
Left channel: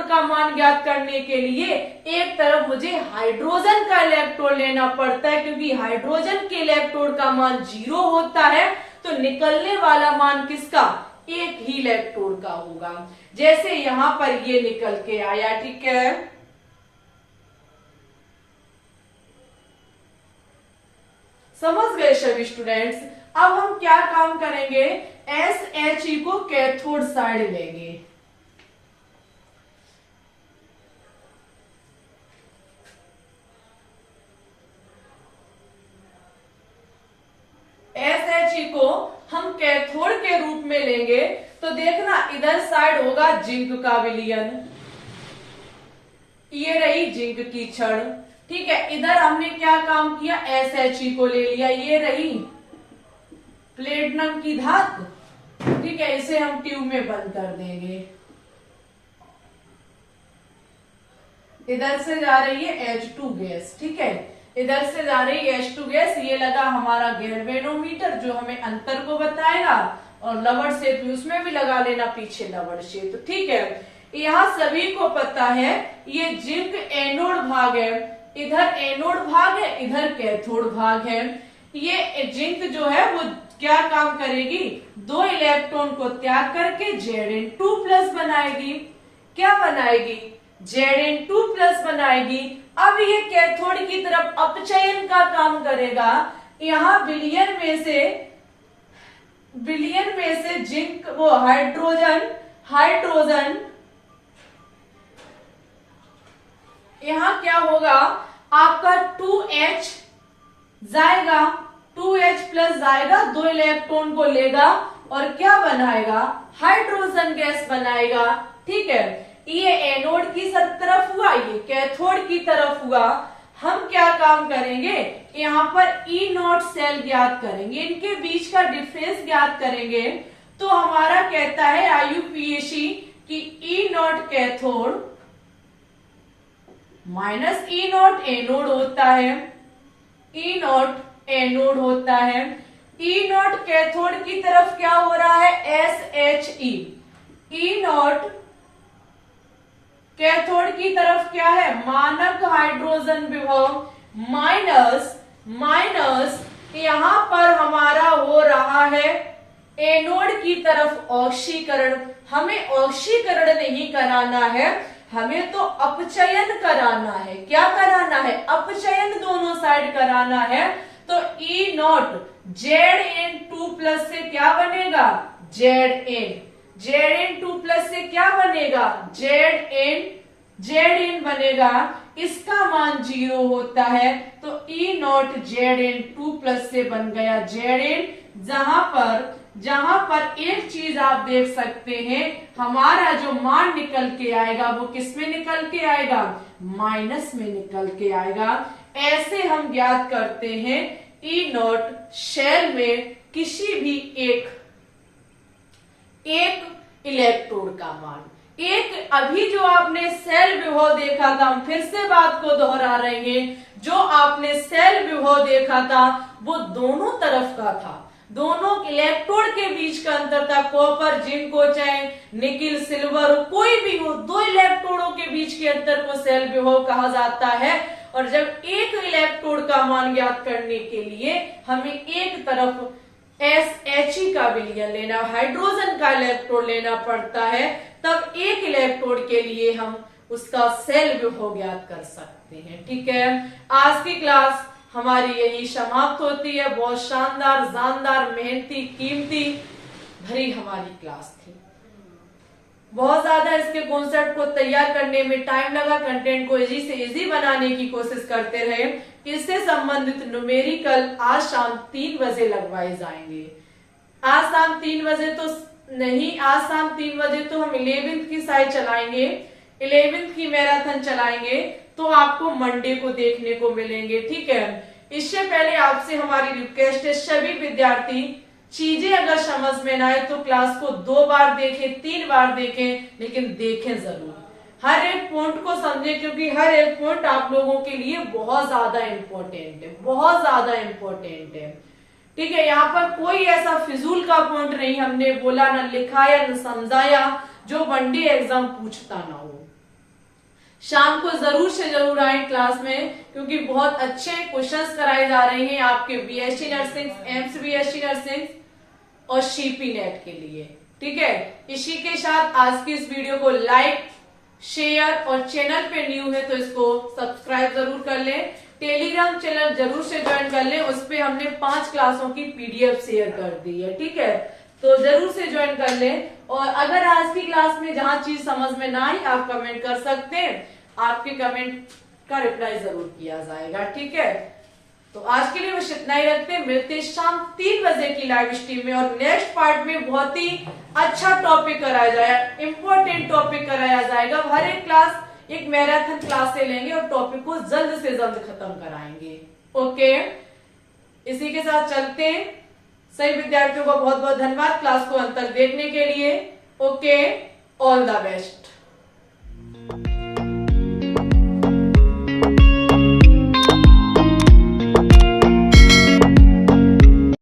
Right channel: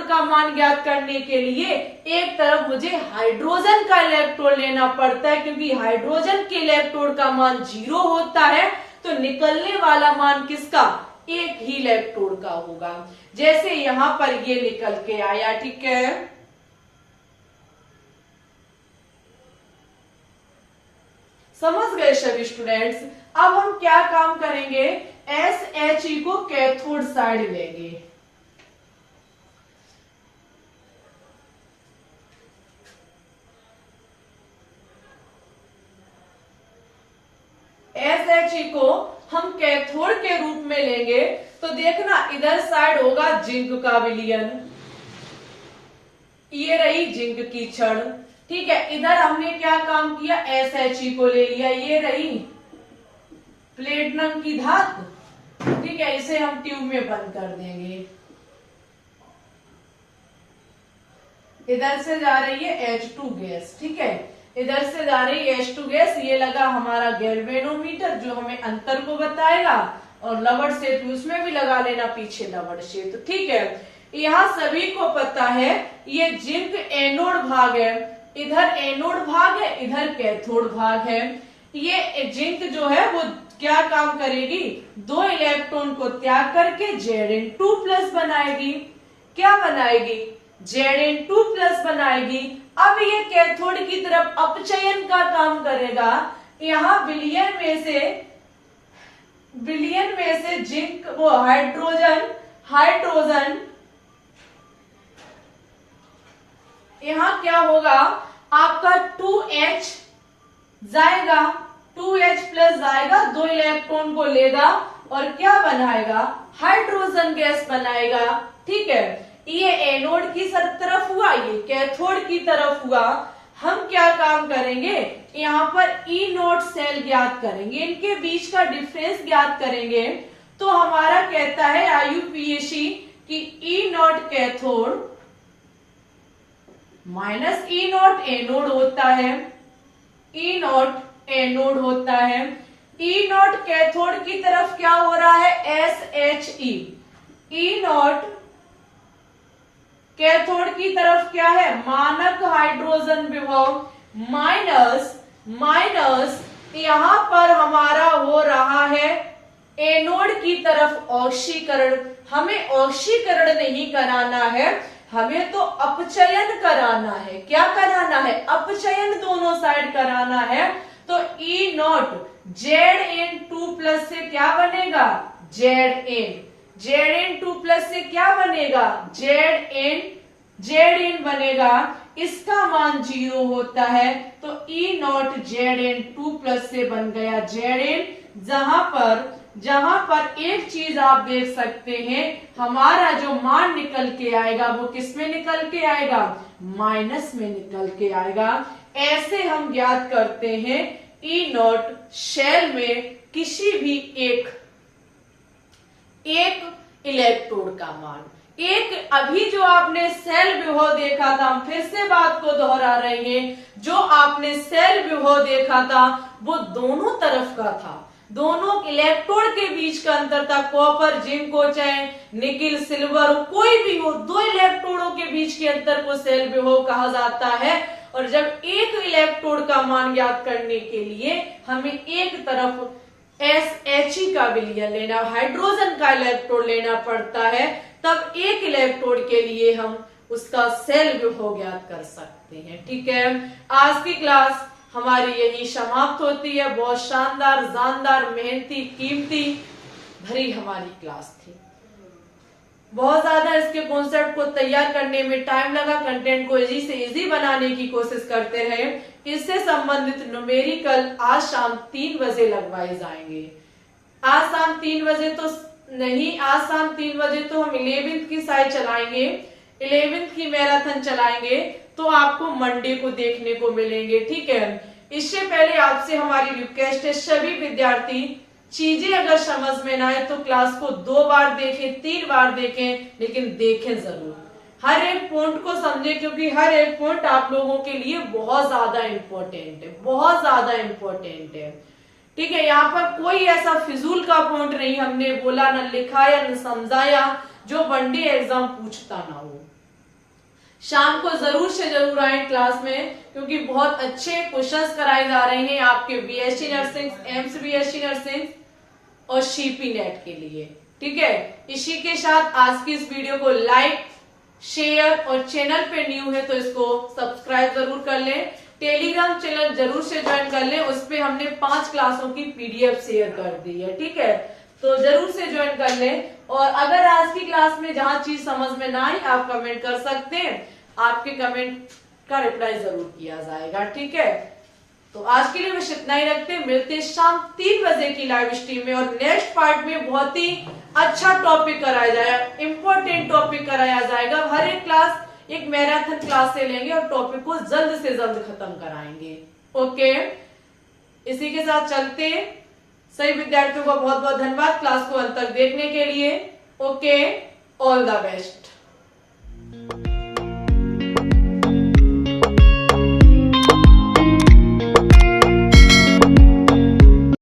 का मान ज्ञात करने के लिए एक तरफ मुझे हाइड्रोजन का इलेक्ट्रोड लेना पड़ता है, क्योंकि हाइड्रोजन के इलेक्ट्रोड का मान 0 होता है तो निकलने वाला मान किसका, एक ही इलेक्ट्रोड का होगा। जैसे यहां पर ये निकल के आया, ठीक है। समझ गए सभी स्टूडेंट्स। अब हम क्या काम करेंगे, SHE को कैथोड साइड लेंगे, SHE को हम कैथोड के रूप में लेंगे तो देखना इधर साइड होगा जिंक का विलयन, ये रही जिंक की छड़, ठीक है। इधर हमने क्या काम किया, SHE को ले लिया, ये रही प्लेटिनम की धातु, ठीक है। इसे हम ट्यूब में बंद कर देंगे। इधर से जा रही है H2 गैस, ठीक है, इधर से जा रही है H2 गैस, ये लगा हमारा गैल्वेनोमीटर जो हमें अंतर को बताएगा, और लवड़ सेतु उसमें भी लगा लेना पीछे लवड़ सेतु, ठीक है। यहाँ सभी को पता है ये जिंक एनोड भाग है, इधर एनोड भाग है, इधर कैथोड भाग है। ये जिंक जो है वो क्या काम करेगी, 2 इलेक्ट्रॉन को त्याग करके Zn2 प्लस बनाएगी, क्या बनाएगी, Zn2 प्लस बनाएगी। अब ये कैथोड की तरफ अपचयन का काम करेगा, यहाँ विलयन में से जिंक वो हाइड्रोजन, यहां क्या होगा आपका 2H जाएगा, 2H प्लस जाएगा, 2 इलेक्ट्रॉन को लेगा और क्या बनाएगा, हाइड्रोजन गैस बनाएगा। ठीक है, ये एनोड की तरफ हुआ, ये कैथोड की तरफ हुआ। हम क्या काम करेंगे, यहाँ पर ई नॉट सेल ज्ञात करेंगे, इनके बीच का डिफरेंस ज्ञात करेंगे। तो हमारा कहता है IUPAC कि E naught cathode minus E naught anode होता है, ई नॉट एनोड होता है। ई नॉट कैथोड की तरफ क्या हो रहा है, SHE। ई नॉट कैथोड की तरफ क्या है, मानक हाइड्रोजन विभव माइनस यहां पर हमारा हो रहा है एनोड की तरफ ऑक्सीकरण। हमें ऑक्सीकरण नहीं कराना है, हमें तो अपचयन कराना है। क्या कराना है, अपचयन दोनों साइड कराना है। तो ई नॉट Zn2 प्लस से क्या बनेगा, Zn2 प्लस से क्या बनेगा, Zn बनेगा। इसका मान 0 होता है, तो ई नॉट Zn2 प्लस से बन गया Zn। जहां पर एक चीज आप देख सकते हैं, हमारा जो मान निकल के आएगा वो किस में निकल के आएगा, माइनस में निकल के आएगा। ऐसे हम ज्ञात करते हैं ई नॉट शेल में किसी भी एक इलेक्ट्रोड का मान। एक अभी जो आपने सेल विभव देखा था, हम फिर से बात को दोहरा रहे हैं, जो आपने सेल विभव देखा था वो दोनों तरफ का था, दोनों इलेक्ट्रोड के बीच का अंतर था। कॉपर जिंक हो चाहे निकिल सिल्वर हो, कोई भी हो, दो इलेक्ट्रोडों के बीच के अंतर को सेल विभव कहा जाता है। और जब एक इलेक्ट्रोड का मान ज्ञात करने के लिए हमें एक तरफ SHE का विलयन लेना, हाइड्रोजन का इलेक्ट्रोड लेना पड़ता है, तब एक इलेक्ट्रोड के लिए हम उसका सेल विभव ज्ञात कर सकते हैं। ठीक है, आज की क्लास हमारी यही समाप्त होती है। बहुत शानदार, जानदार, मेहनती, कीमती भरी हमारी क्लास थी। बहुत ज्यादा इसके कॉन्सेप्ट को तैयार करने में टाइम लगा, कंटेंट को इजी से इजी बनाने की कोशिश करते रहे। इससे संबंधित न्यूमेरिकल आज शाम 3 बजे लगवाए जाएंगे। आज शाम 3 बजे तो नहीं, आज शाम 3 बजे तो हम 11th की साइड चलाएंगे, 11th की मैराथन चलाएंगे, तो आपको मंडे को देखने को मिलेंगे। ठीक है, इससे पहले आपसे हमारी रिक्वेस्ट है, सभी विद्यार्थी चीजें अगर समझ में ना आए तो क्लास को 2 बार देखें, 3 बार देखें, लेकिन देखें जरूर, हर एक पॉइंट को समझें, क्योंकि हर एक पॉइंट आप लोगों के लिए बहुत ज्यादा इम्पोर्टेंट है, बहुत ज्यादा इम्पोर्टेंट है। ठीक है, यहाँ पर कोई ऐसा फिजूल का पॉइंट नहीं हमने बोला, न लिखाया, न समझाया, जो वनडे एग्जाम पूछता ना हो। शाम को जरूर से जरूर आए क्लास में, क्योंकि बहुत अच्छे क्वेश्चंस कराए जा रहे हैं आपके BSc nursing, AIIMS BSc nursing और CP नेट के लिए। ठीक है, इसी के साथ आज की इस वीडियो को लाइक, शेयर और चैनल पे न्यू है तो इसको सब्सक्राइब जरूर कर लें। टेलीग्राम चैनल जरूर से ज्वाइन कर लें, उस पे हमने 5 क्लासों की PDF शेयर कर दी है। ठीक है, तो जरूर से ज्वाइन कर लें। और अगर आज की क्लास में जहां चीज समझ में ना आई, आप कमेंट कर सकते हैं, आपके कमेंट का रिप्लाई जरूर किया जाएगा। ठीक है, तो आज के लिए बस इतना ही रखते हैं, मिलते हैं शाम 3 बजे की लाइव स्ट्रीम में। और नेक्स्ट पार्ट में बहुत ही अच्छा टॉपिक कराया जाएगा, इंपॉर्टेंट टॉपिक कराया जाएगा। हर एक क्लास एक मैराथन क्लास से लेंगे और टॉपिक को जल्द से जल्द खत्म कराएंगे। ओके, इसी के साथ चलते हैं। सभी विद्यार्थियों का बहुत बहुत धन्यवाद क्लास को अंत तक देखने के लिए। Okay, all the best.